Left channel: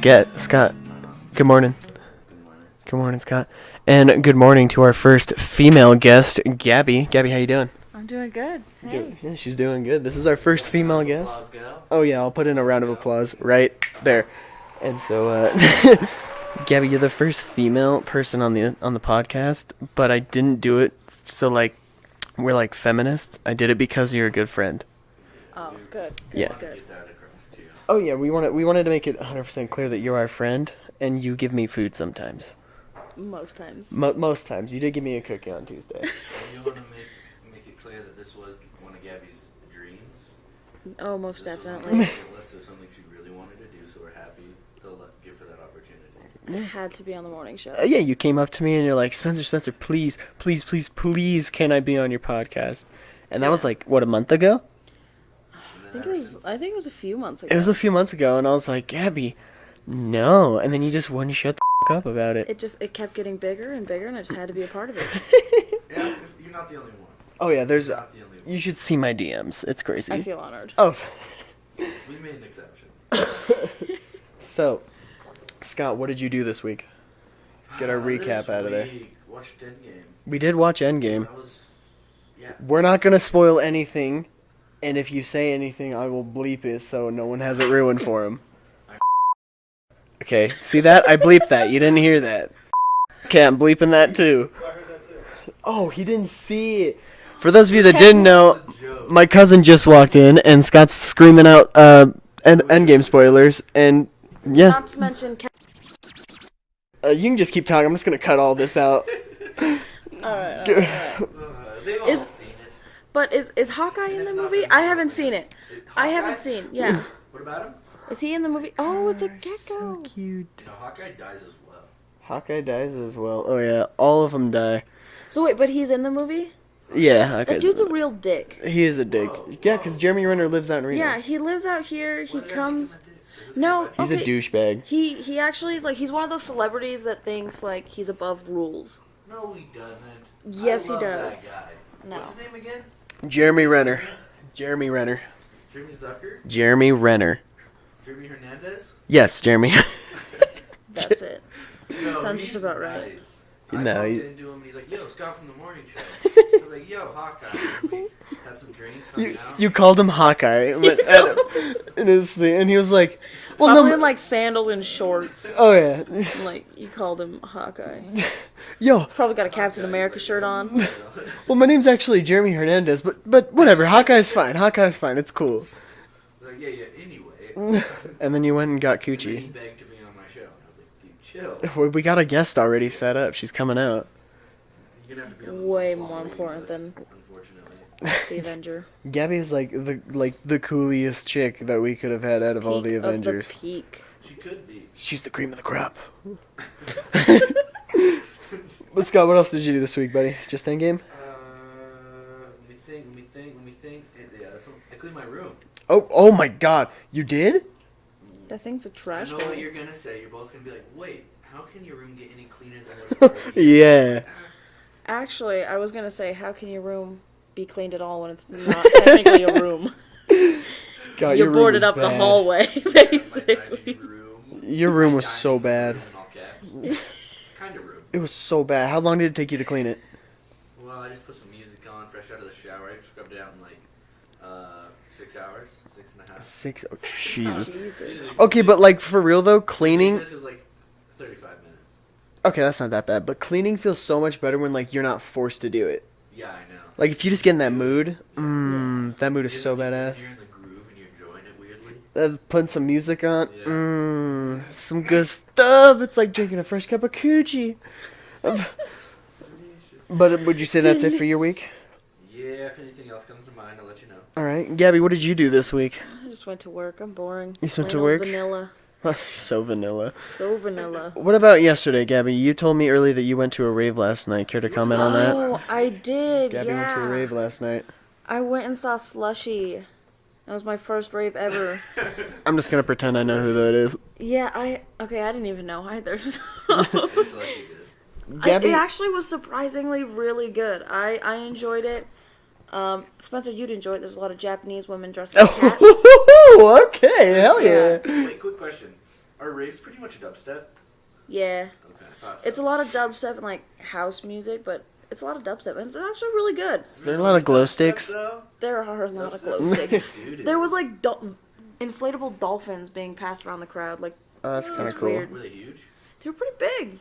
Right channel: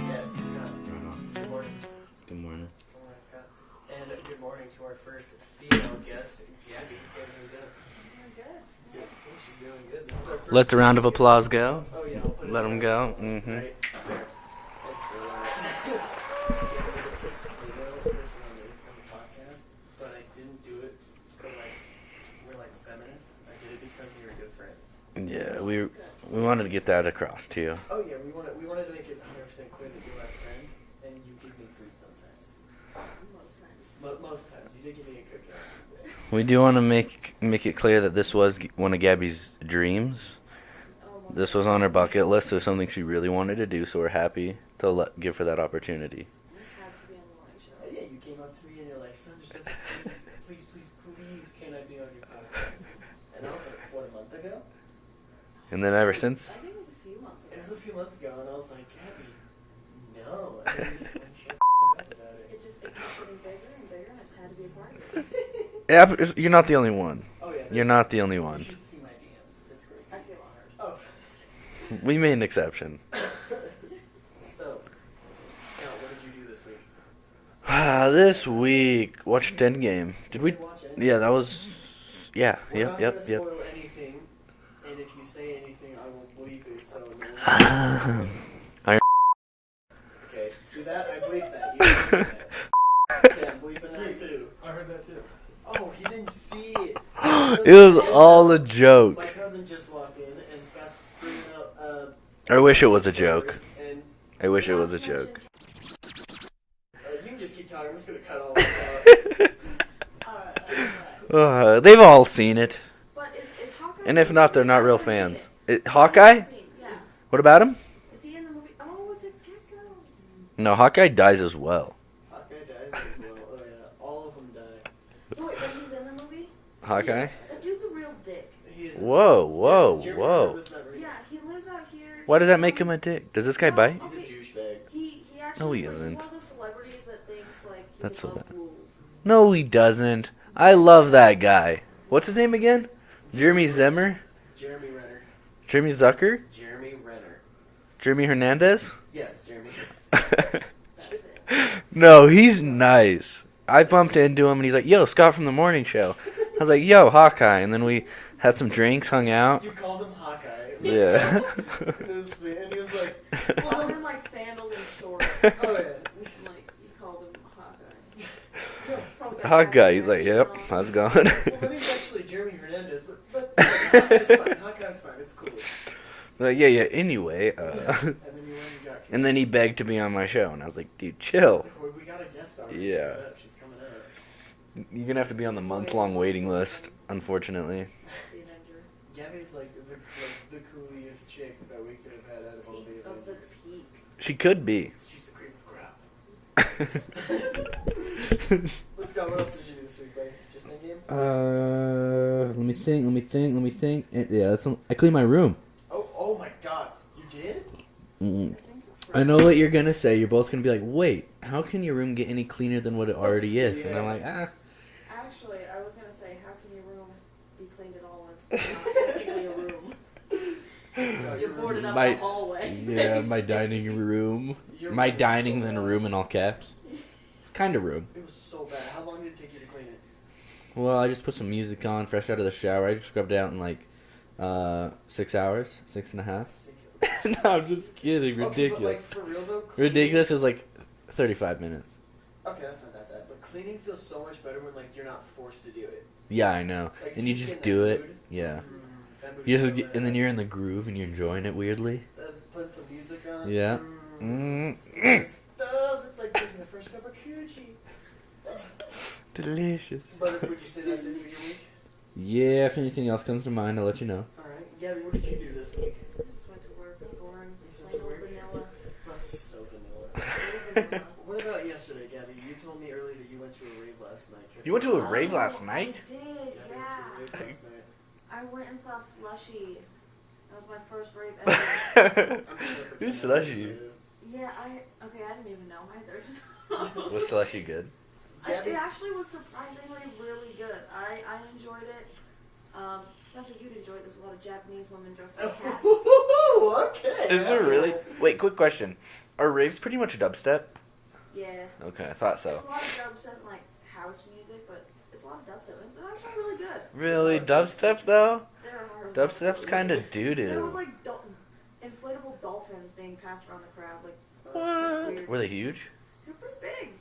Scott. Good morning. Good morning. Good morning, Scott. And good morning to our first female guest, Gaby. Gaby, how you doing? I'm doing good. Hey. Yeah, she's doing good. This is our first Let the female round of guest. applause go. Oh yeah, I'll put in Let a him round of go. applause Mm-hmm. right there. And so, Gaby, you're the first female person on the podcast, but I didn't do it so like we're like feminists. I did it because you're a good friend. Yeah, Oh, we good. wanted to get that across to you. Oh yeah, we wanted to make it 100% clear that you're our friend, and you give me food sometimes. Most times. Most times, you did give me a cookie on Tuesday. We do want to make it clear that this was one of Gabby's dreams. Oh, most This was on her definitely. bucket list. It was something she really wanted to do, so we're happy to give her that opportunity. It had to be on the morning show. Yeah, you came up to me and you're like, Spencer, please, can I be on your podcast? And that was like, what, a month ago? And then I ever think it was- since, I think it was a few months ago. It was a few months ago, and I was like, Gabby, no. And then you just wouldn't shut the up about it. It kept getting bigger and bigger, and I just had to be a part of it. yeah, you're not the only one. Oh, yeah, You're not the only one. You should see my DMs. It's crazy. I feel honored. Oh, We made an exception. so, Scott, what did you do this week? This recap out of it. week, watched Endgame. We did watch Endgame. Yeah, that was. Yeah. We're Yep, not going to yep, spoil anything, and if you say anything, I will bleep it so no one has it ruined for him. Iron- Okay, see that? I bleeped that. You didn't hear that. Okay, I'm bleeping that too. I heard that too. Oh, he didn't see it. For those of It you that was didn't all know, a joke. my cousin just walked in, and Scott's screaming out wish it Endgame was a spoilers, and I wish yeah. it Not was to a mention joke. You can just keep talking. I'm just going to cut all this out. Alright. They've all seen it. But is Hawkeye And in if the not, movie? they're not I real haven't seen fans. it. Hawkeye? I haven't seen, yeah. What about him? Is he in the movie? Oh, it's a gecko. Cute. No, Hawkeye dies as well. Hawkeye dies as well. Oh, yeah. All of them die. So wait, but he's in the movie? Hawkeye. Yeah, That Hawkeye's dude's a real dick. He is a Whoa, dick. Yeah, because whoa, Jeremy whoa. Renner lives out in Reno. Yeah, he lives out here. Why He does that make him comes- a dick? Does this guy No, bite? He's a Okay. douchebag. He actually No, is he like he's isn't. one of those celebrities that thinks like he's That's above so rules. No, he doesn't. I Yes, he love that does. guy. What's his name again? Jeremy Renner. Zimmer? Jeremy Renner. Jeremy Zucker? Jeremy Renner. Jeremy Hernandez? Yes, Jeremy. That's it. No, he's That's about right. nice. I No, bumped he- into him and he's like, "Yo, Scott from the morning show." I was like, "Yo, Hawkeye," and then we had some drinks, hung out. You called him Hawkeye. But Yeah. in his thing, and he was like, well, Probably no. in like sandals and shorts. Oh, yeah. And, like you called him Hawkeye. Yo. Probably got a Captain Hawkeye, he's America like, shirt "Yep, on. how's it going?" Well, my name's actually Jeremy Hernandez, but whatever. Hawkeye's fine. Hawkeye's fine. It's cool. Like, yeah. Anyway, And then you went and got Coochie. and then he begged to be on my show, and I was like, "Dude, chill. We got a guest already Yeah. set up. She's coming out. You're gonna have to be on the Way month-long more waiting important list, than- unfortunately." The Avenger. Gabby is like the coolest chick that we could have had out of all the Peak Avengers. Of the peak. She could be. She's the cream of the crop. But Scott, what else did you do this week, buddy? Just Endgame? Let me think. Yeah, I cleaned my room. Oh my God, you did? That thing's a trash. I know what you're gonna say. You're both gonna be like, "Wait, how can your room get any cleaner than what it already is?" Yeah. And I'm like, "Ah." Actually, I was gonna say, how can your room be cleaned at all when it's not technically a room? Scott, You your room boarded was up the bad. hallway. Yeah, my basically. dining room. Your room my was dining so in the bad. room in all caps. Kind of room. It was so bad. How long did it take you to clean it? Well, I just put some music on, fresh out of the shower. I just scrubbed it out in like 6 hours, 6.5. 6. Oh, No, Jesus. just kidding, Okay, but like for real though, cleaning. Ridiculous is like 35 minutes. Okay, that's not that bad. But cleaning feels so much better when like you're not forced to do it. Yeah, I know. Like if And you just get in that do it. mood, Yeah. that mood is You so have- badass. And then you're in the groove and you're enjoying it weirdly. Putting some music on. Yeah. Some good stuff. It's like drinking a fresh cup of coochie. Delicious. But would you say that's it for your week? Yeah, if anything else comes to mind, I'll let you know. All right, Gabby, what did you do this week? I just went to work. I'm boring. You just went to Plain work? old Vanilla. So vanilla. So vanilla. What about yesterday, Gabby? You told me earlier that you went to a rave last night. Care to You went to comment a on rave that? last Oh, I night? did. Gabby yeah. went to a rave last night. I went and saw Slushy. That was my first rave ever. I'm just gonna pretend I know who that is. Yeah, I didn't even know either. It's slushy good. Gabby, It actually was surprisingly really good. I enjoyed it. Spencer, you'd enjoy it. There's a lot of Japanese women dressed like cats. oh, okay, hell yeah. Wait, quick question. Are raves pretty much dubstep? Yeah. Okay, I thought so. It's a lot of dubstep and like house music, but it's a lot of dubstep and it's actually really good. There's a lot of glow Dubstep, sticks. though? There are a lot of Dubstep's close kind things. of doo-doo. There was like inflatable dolphins being passed around the crowd. Like, Oh, that's it kind was of cool. weird. Were they huge? They were pretty big.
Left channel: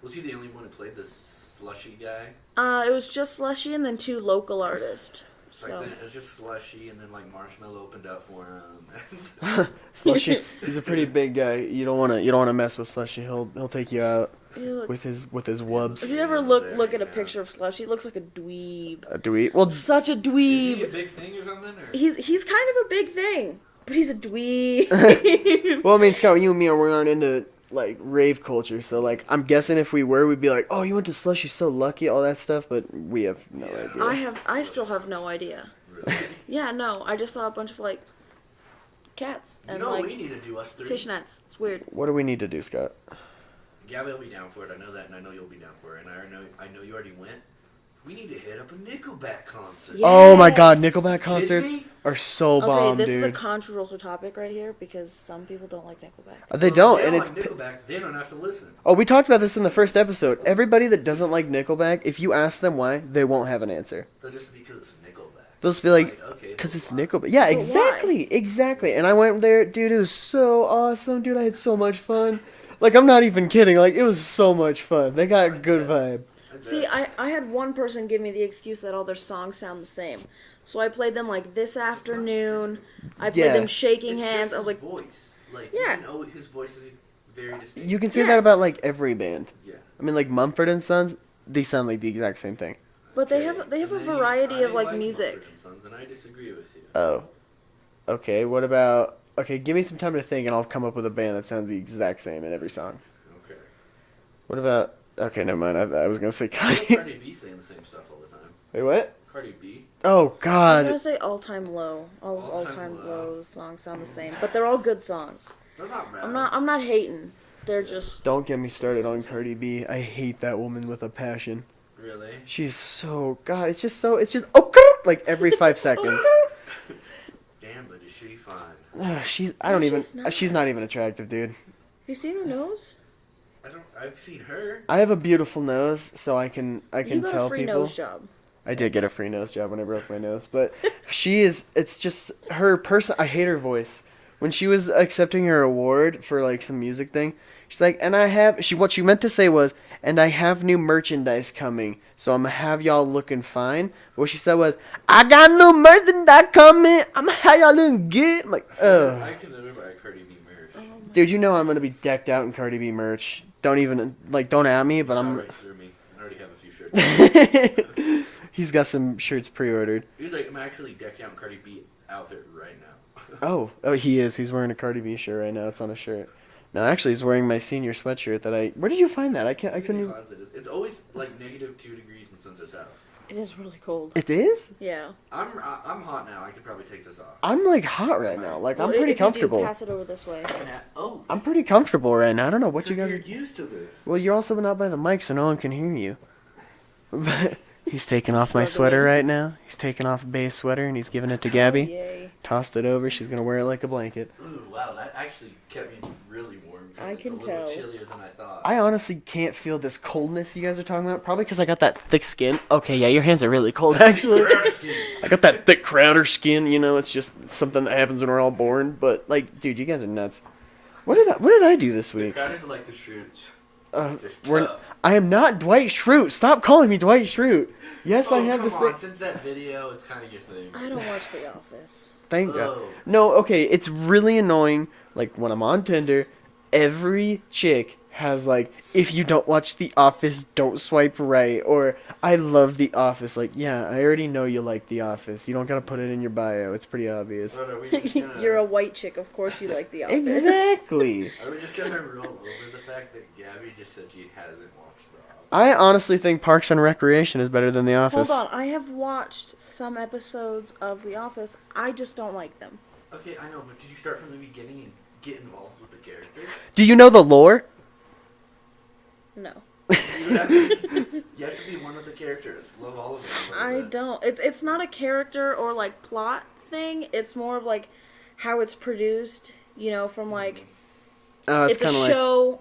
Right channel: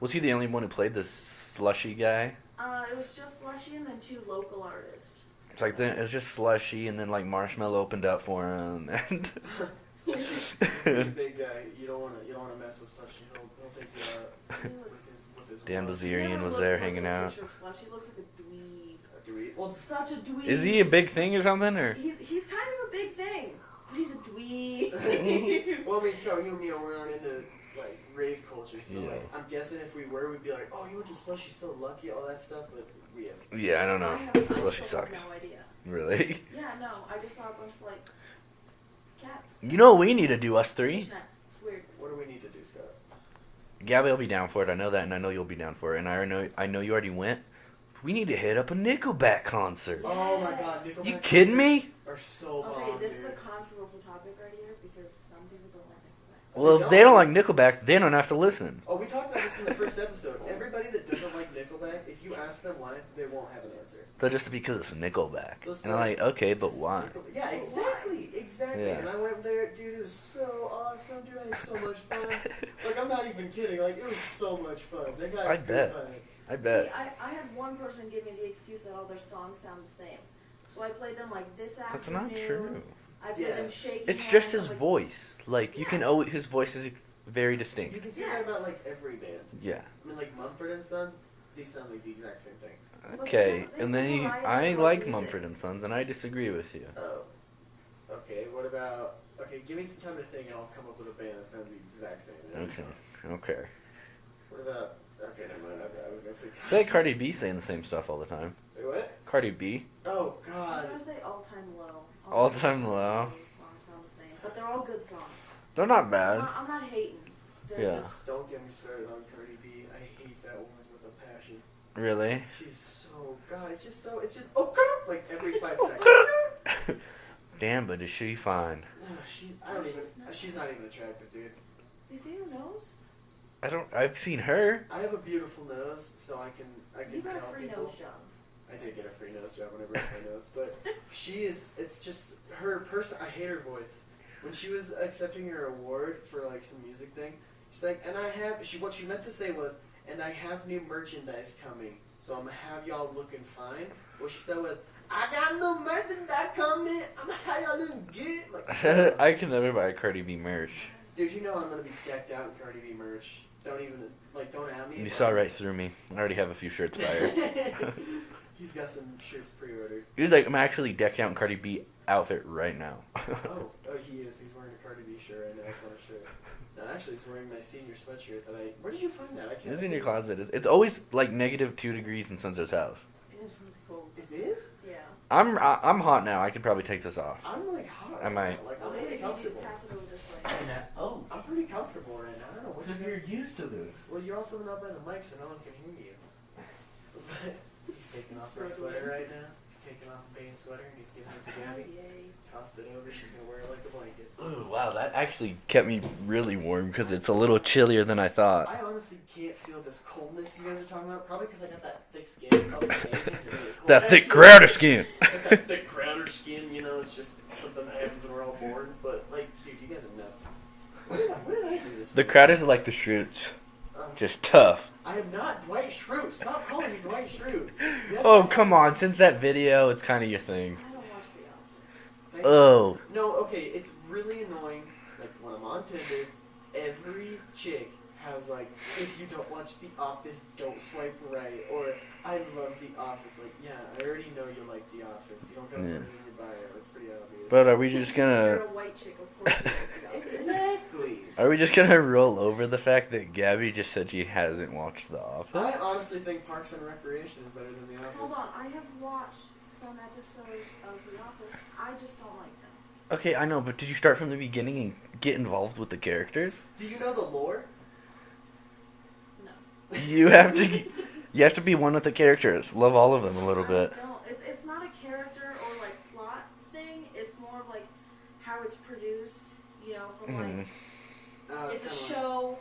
Was he the only one who played this slushy guy? It was just Slushy and then 2 local artists. It's like then it was just slushy, and then like Marshmallow opened up for him, and Slushy, he's a pretty big guy. You don't wanna mess with Slushy. He'll take you out with his wubs. If you ever Miriam was look there at a hanging out. picture of Slushy, he looks like a dweeb. Do we? Well, Such a dweeb. is he a big thing or something? Or He's kind of a big thing, but he's a dweeb. well, I mean, Scott, you and me we aren't into like rave culture, so like I'm guessing if we were, we'd be like, oh, you went to Slushy, so lucky, all that stuff. But we have. yeah, I don't know. I still Slushy have no sucks. idea. Really? Yeah, no, I just saw a bunch of like cats. You and, know like, what we need to do, us 3? fishnets. It's weird. What do we need to do, Scott? Gabby will be down for it. I know that, and I know you'll be down for it. And I know you already went. We need to hit up a Nickelback concert. Yeah. Oh my God, Yes. Nickelback You kidding concerts me? are so Okay, bomb, this dude. is a controversial topic right here because some people don't like Nickelback. They Well, don't. If they don't and like Nickelback. They don't have to listen. Oh, we talked about this in the first episode. Everybody that doesn't like Nickelback, if you ask them why, they won't have an answer. They'll just because it's Nickelback. They'll just be like, okay, but because it's why? Nickelback. Yeah, But exactly. Yeah. And I went there, dude. It was so awesome, dude. I had so much fun. Like, I'm not even kidding. Like, it was so much fun. They got I a good bet. vibe. I bet. See, I had one person give me the excuse that all their songs sound the same. So I played them like this not afternoon. I played Yeah. them shaking It's hands. just I his was like, voice. Like you Yeah. can always, his voice is very distinct. You can say that Yes. about like every band. Yeah. I mean, like Mumford and Sons, they sound like the exact same thing. But they Okay, have a and then variety I of, like, like music. Mumford and Sons, and I disagree with you. Oh, okay. What about? Okay, give me some time to think, and I'll come up with a band that sounds the exact same in every song. Okay. What about? Okay, never mind. I was gonna say I like Kanye. Cardi B saying the same stuff all the time. Wait, what? Cardi B. Oh I was God. gonna say All Time Low. All Time Low. Low's songs sound the same, but they're all good songs. They're not bad. I'm not hating. They're Yeah. just Don't get me started on Cardi B. I hate that woman with a passion. Really? She's so God. It's just like every 5 seconds. Damn, but is she fine? She's. I No, don't even. she's not. She's not even attractive, dude. You seen her nose? I've seen her. I have a beautiful nose, so I can You got tell a free people. nose job. I did get a free nose job when I broke my nose, but she is. It's just her person. I hate her voice. When she was accepting her award for like some music thing, she's like, "And I have." What she meant to say was, "And I have new merchandise coming, so I'm gonna have y'all looking fine." What she said was, "I got new merchandise coming. I'm gonna have y'all looking good." I'm like, ugh. I can never buy a Cardi B merch. Dude, you know I'm gonna be decked out in Cardi B merch. Don't even don't at me, You but saw I'm. right through me. I already have a few shirts. He's got some shirts pre-ordered. He's like, I'm actually decked out in Cardi B outfit right now. Oh, he is. He's wearing a Cardi B shirt right now. It's on his shirt. No, actually, he's wearing my senior sweatshirt that I. Where did you find that? I can't. I It's in couldn't. your closet. It's always like -2 degrees in Sunset's house. It is really cold. It is. Yeah. I'm hot now. I could probably take this off. I'm like hot right Am I? now. Like Well, I'm pretty if you do, comfortable. pass it over this way. Oh, I'm pretty comfortable right now. I don't know what you guys. you're Are... used to this. Well, you're also not by the mic, so no one can hear you. But he's taking off my Struggling. sweater right now. He's taking off Bay's sweater and he's giving it to Gabby. Yay. Tossed it over. She's gonna wear it like a blanket. Ooh, wow, that actually kept me really warm because I it's a can little tell. chillier than I thought. I honestly can't feel this coldness you guys are talking about. Probably because I got that thick skin. Okay, yeah, your hands are really cold. that thick actually. Crowder skin. Got that thick Crowder skin, you know. It's just something that happens when we're all born. But like, dude, you guys are nuts. What did I do this The week? Crowders are like the Schrutes. Just well, tough. I am not Dwight Schrute. Stop calling me Dwight Schrute. Yes, I Oh, have come to on. say- Since that video, it's kind of your thing. I don't watch The Office. Thank you. Oh. No, okay, it's really annoying. Like when I'm on Tinder, every chick has like, if you don't watch The Office, don't swipe right, or I love The Office. Like, yeah, I already know you like The Office. You don't gotta put it in your bio. It's pretty obvious. But are we just You're a gonna... white chick, of course you like The Office. Exactly. Are we just gonna roll over the fact that Gabby just said she hasn't watched The Office? I honestly think Parks and Recreation is better than The Office. Hold on, I have watched some episodes of The Office. I just don't like them. Okay, I know, but did you start from the beginning and get involved with the characters? Do you know the lore? No. You have to be one with the characters. Love all of them a little I bit. don't. It's not a character or like plot thing. It's more of like how it's produced. You know, from like It's a kind of like show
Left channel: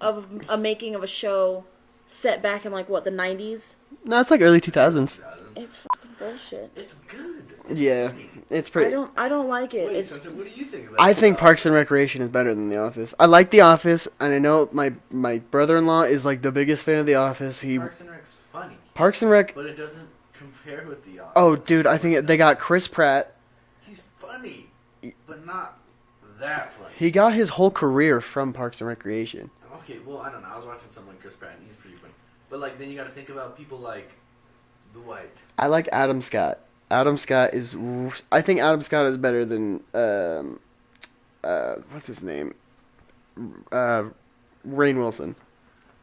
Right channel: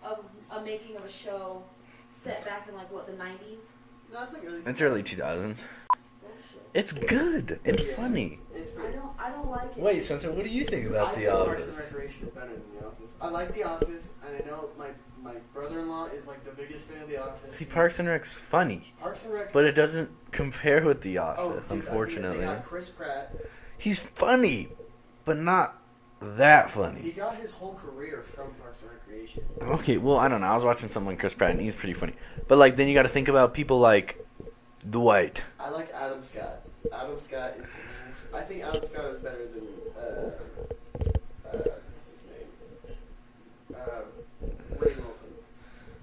of a making of a show set back in like what, the 90s. no, it's like early It's early 2000s. 2000s. It's fucking bullshit. It's good. It's Yeah, funny. it's I pretty. don't like it. Wait, It's- Spencer, what do you think about I The think Parks and Office? Recreation is better than The Office. I like The Office, and I know my brother-in-law is like the biggest fan of The Office. Parks and Rec's funny, Parks and Rec. but it doesn't compare with The Office. Oh, dude, I think they got unfortunately. Chris Pratt. He's funny, but not that funny. He got his whole career from Parks and Recreation. Okay, well, I don't know. I was watching something like Chris Pratt, and he's pretty funny. But like, then you got to think about people like Dwight. I like Adam Scott. Adam Scott is. I think Adam Scott is better than what's his name? Rainn Wilson.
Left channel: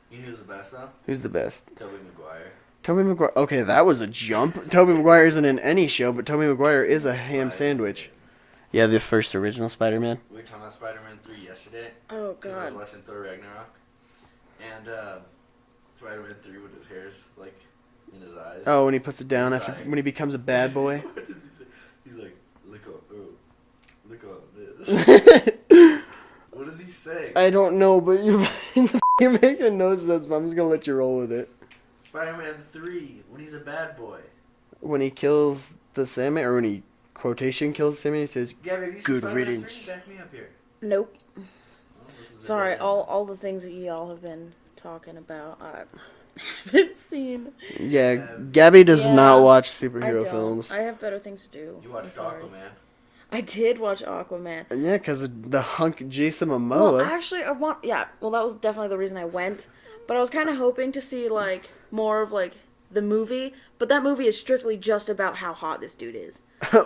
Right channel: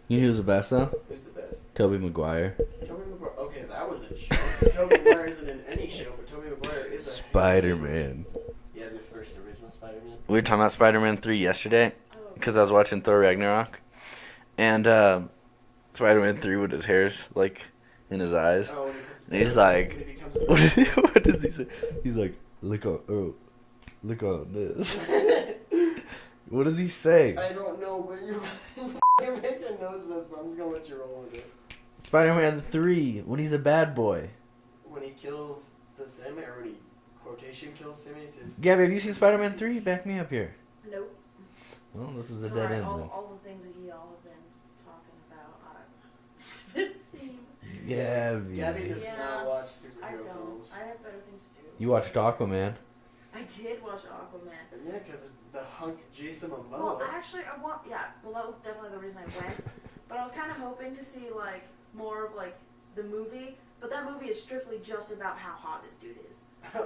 You know who's the best though? Who's the best? Tobey Maguire. Tobey Maguire. Okay, that was a jump. Tobey Maguire isn't in any show, but Tobey Maguire is a ham sandwich. Spider-Man. Yeah, the first original Spider-Man. We were talking about Spider-Man 3 yesterday Oh, because I was God. watching Thor Ragnarok, and Spider-Man 3 with his hair's like in his eyes. Oh, when he puts it down, He's after- like- when he becomes a bad boy. What does he say? He's like, look on this. What does he say? I don't know, but you're making no sense. But I'm just gonna let you roll with it. Spider-Man 3, when he's a bad boy. When he kills the Sandman, or when he quotation kills the Sandman, he says, Gabby, have you seen Good Spider-Man riddance. 3? Back me up here. Nope. Well, this is a Sorry, dead end. all the things that y'all have been talking about, I haven't seen. "Yeah, Gabby. Gabby does Yeah, not watch I superhero don't. films." I have better things to do. You watched I'm sorry. Aquaman. I did watch Aquaman. Yeah, because the hunk Jason Well, Momoa. actually, well, that was definitely the reason I went. But I was kind of hoping to see, like, more of, like, the movie. But that movie is strictly just about how hot this dude is.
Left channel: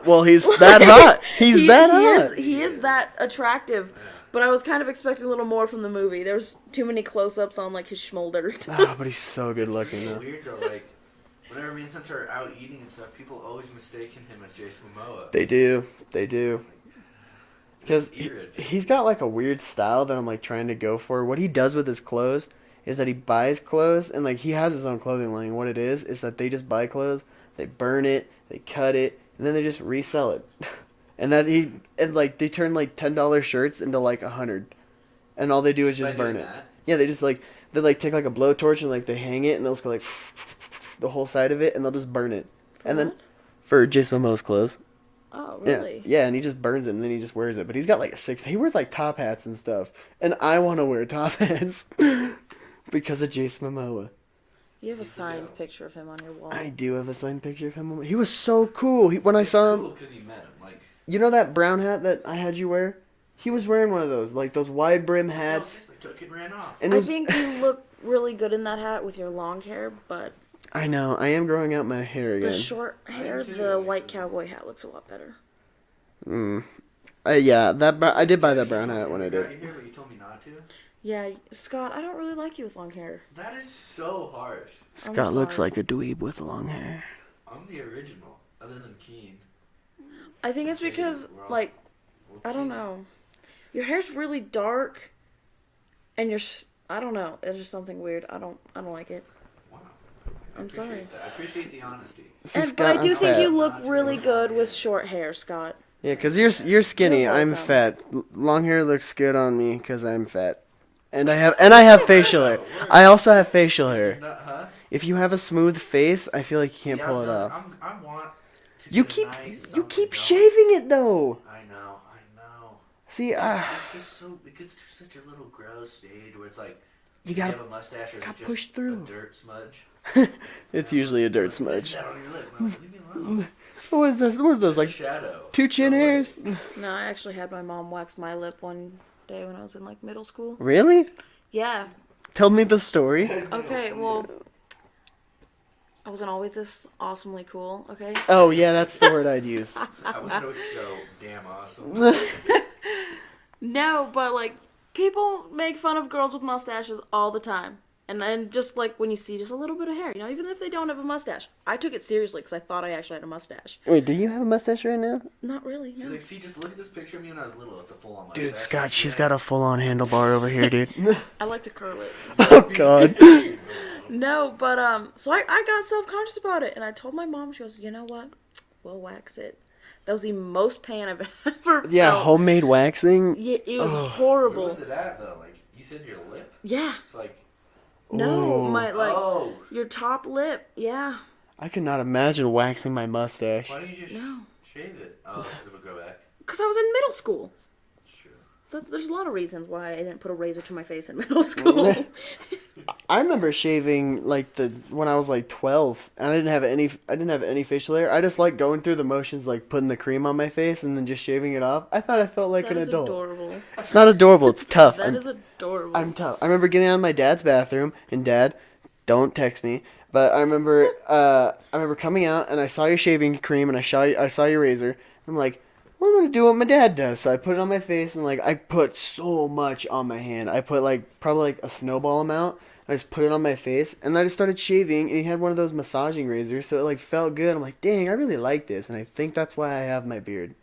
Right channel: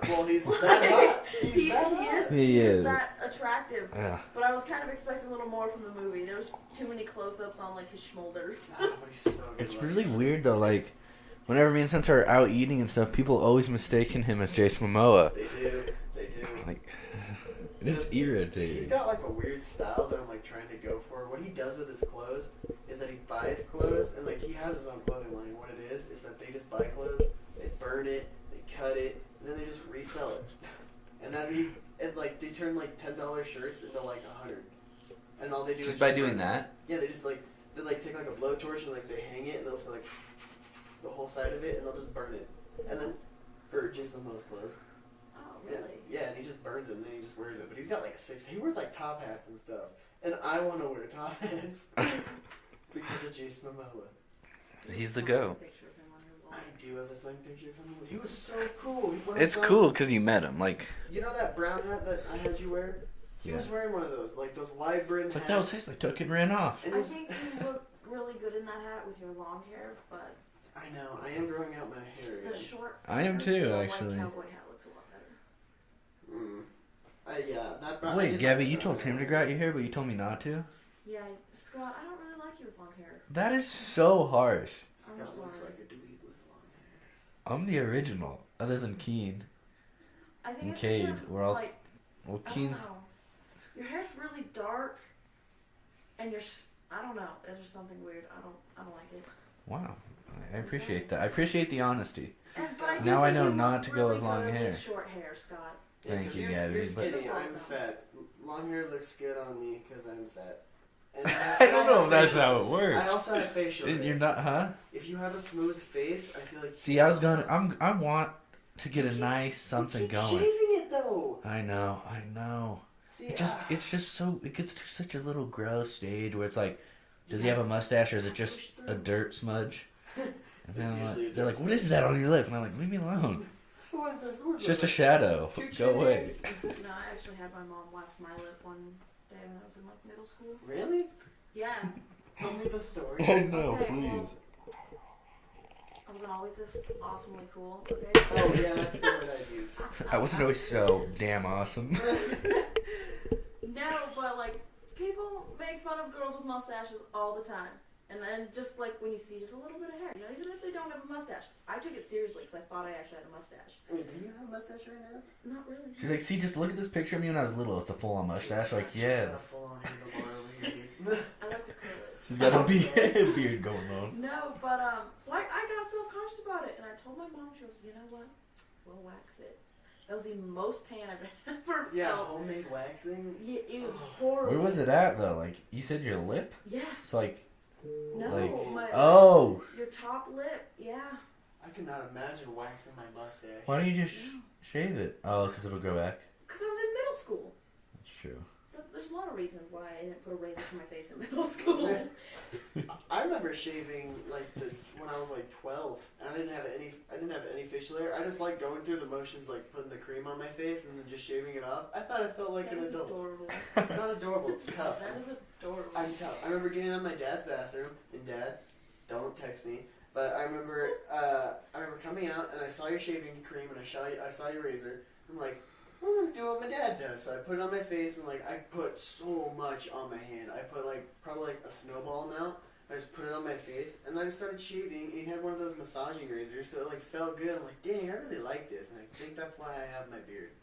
Well, he's that hot. He's that he hot. Is, he He is is. that attractive. Yeah. But I was kind of expecting a little more from the movie. There's too many close-ups on, like, his schmolder. Ah, but he's so good It's looking. really weird though. Like, whenever me and Spencer are out eating and stuff, people always mistaken him as Jason Momoa. They do. They do. Like, Because It's irritating. he's got like a weird style that I'm like trying to go for. What he does with his clothes is that he buys clothes and like he has his own clothing line. What it is that they just buy clothes, they burn it, they cut it, and then they just resell it. And like they turn like $10 shirts into like 100, and all they do is By just burn doing it. that? Yeah, they just like they like take like a blowtorch and like they hang it and they'll just go like the whole side of it and they'll just burn it. And then for Jason Momoa's clothes. Oh, Yeah, really? yeah, and he just burns it and then he just wears it. But he's got like he wears like top hats and stuff. And I want to wear top hats because of Jason Momoa. You have He's a the signed go. picture of him on your wall. I do have a signed picture of him. He was so cool. When I it's saw cool him, because you met him. Like, you know that brown hat that I had you wear? He was wearing one of those, like those wide brim No, hats. seriously, took it and ran off. And it I was, think you look really good in that hat with your long hair, but I know, I am growing out my hair again. the short I am hair, too, the white actually. cowboy hat looks a lot better. Yeah, I did buy Gabby, that brown you told hat him when to I grow out did. your hair, but you told me not to. Yeah, Scott, I don't really like you with long hair. That is so harsh. Scott looks sorry. like a dweeb with long hair. I'm the original, other than Keen. I think it's Okay, because, we're all- like, Well, I don't Keen's- know. Your hair's really dark, and I don't know. It's just something weird. I don't like it. Wow. I I'm appreciate sorry. that. I appreciate the honesty. See, But I Scott, do I'm think fat. you Not look to go really with long good with hair. short hair, Scott. Yeah, because Thank you, you're Gabby. skinny. You're I'm welcome. fat. Long hair looks good on me because I'm fat, and I have facial That's hair. how it works. I also have facial You're hair. not, huh? If you have a smooth face, I feel like you See, can't I was pull it going. off. I want to You get keep a nice you something keep going. shaving it though. I know. See, It's just so. It gets to such a little gross stage where it's like, You does he gotta- have a mustache or is it gotta push just a through. dirt smudge? it's And usually a they're dirt like, What is smudge. that on your lip? And I'm like, leave me alone. What was this? What was It's those just a like shadow. 2 chin Go away. hairs? No, I actually had my mom wax my lip one day when I was in like middle school. Really? Yeah. Tell me the story. Okay, well, I wasn't always this awesomely cool, okay? Oh yeah, that's the word I'd use. I was no so damn awesome. No, but like, people make fun of girls with mustaches all the time. And then just like when you see just a little bit of hair, even if they don't have a mustache. I took it seriously because I thought I actually had a mustache. Wait, do you have a mustache right now? Not really. She's no. like, see, just look at this picture of me when I was little. It's a full-on mustache. Dude, Scott, Like, she's yeah. got a full-on handlebar over here, dude. I like to curl it. Oh God. Beard going on. No, but so I got self-conscious about it, and I told my mom. She goes, "You know what? We'll wax it." That was the most pain I've ever felt. Yeah, homemade waxing. Yeah, it was Ugh. horrible. Where was it at though? Like you said, your lip. Yeah. It's like. No, Oh. my your top lip. Yeah. I could not imagine waxing my mustache. Why don't you just No. shave it? Oh, because it'll grow back. Because I was in middle school. That's true. There's a lot of reasons why I didn't put a razor to my face in middle school. I remember shaving when I was like 12, and I didn't have any facial hair. I just like going through the motions, like putting the cream on my face and then just shaving it off. I thought I felt like That an is adult. adorable. It's not adorable. It's tough. That is adorable. I'm tough. I remember getting out of my dad's bathroom, and Dad, don't text me. But I remember coming out, and I saw your shaving cream, and I saw your razor. I'm like, well, I'm gonna do what my dad does. So I put it on my face, and like I put so much on my hand. I put probably a snowball amount. I just put it on my face, and I just started shaving. And he had one of those massaging razors, so it felt good. I'm like, dang, I really like this, and I think that's why I have my beard.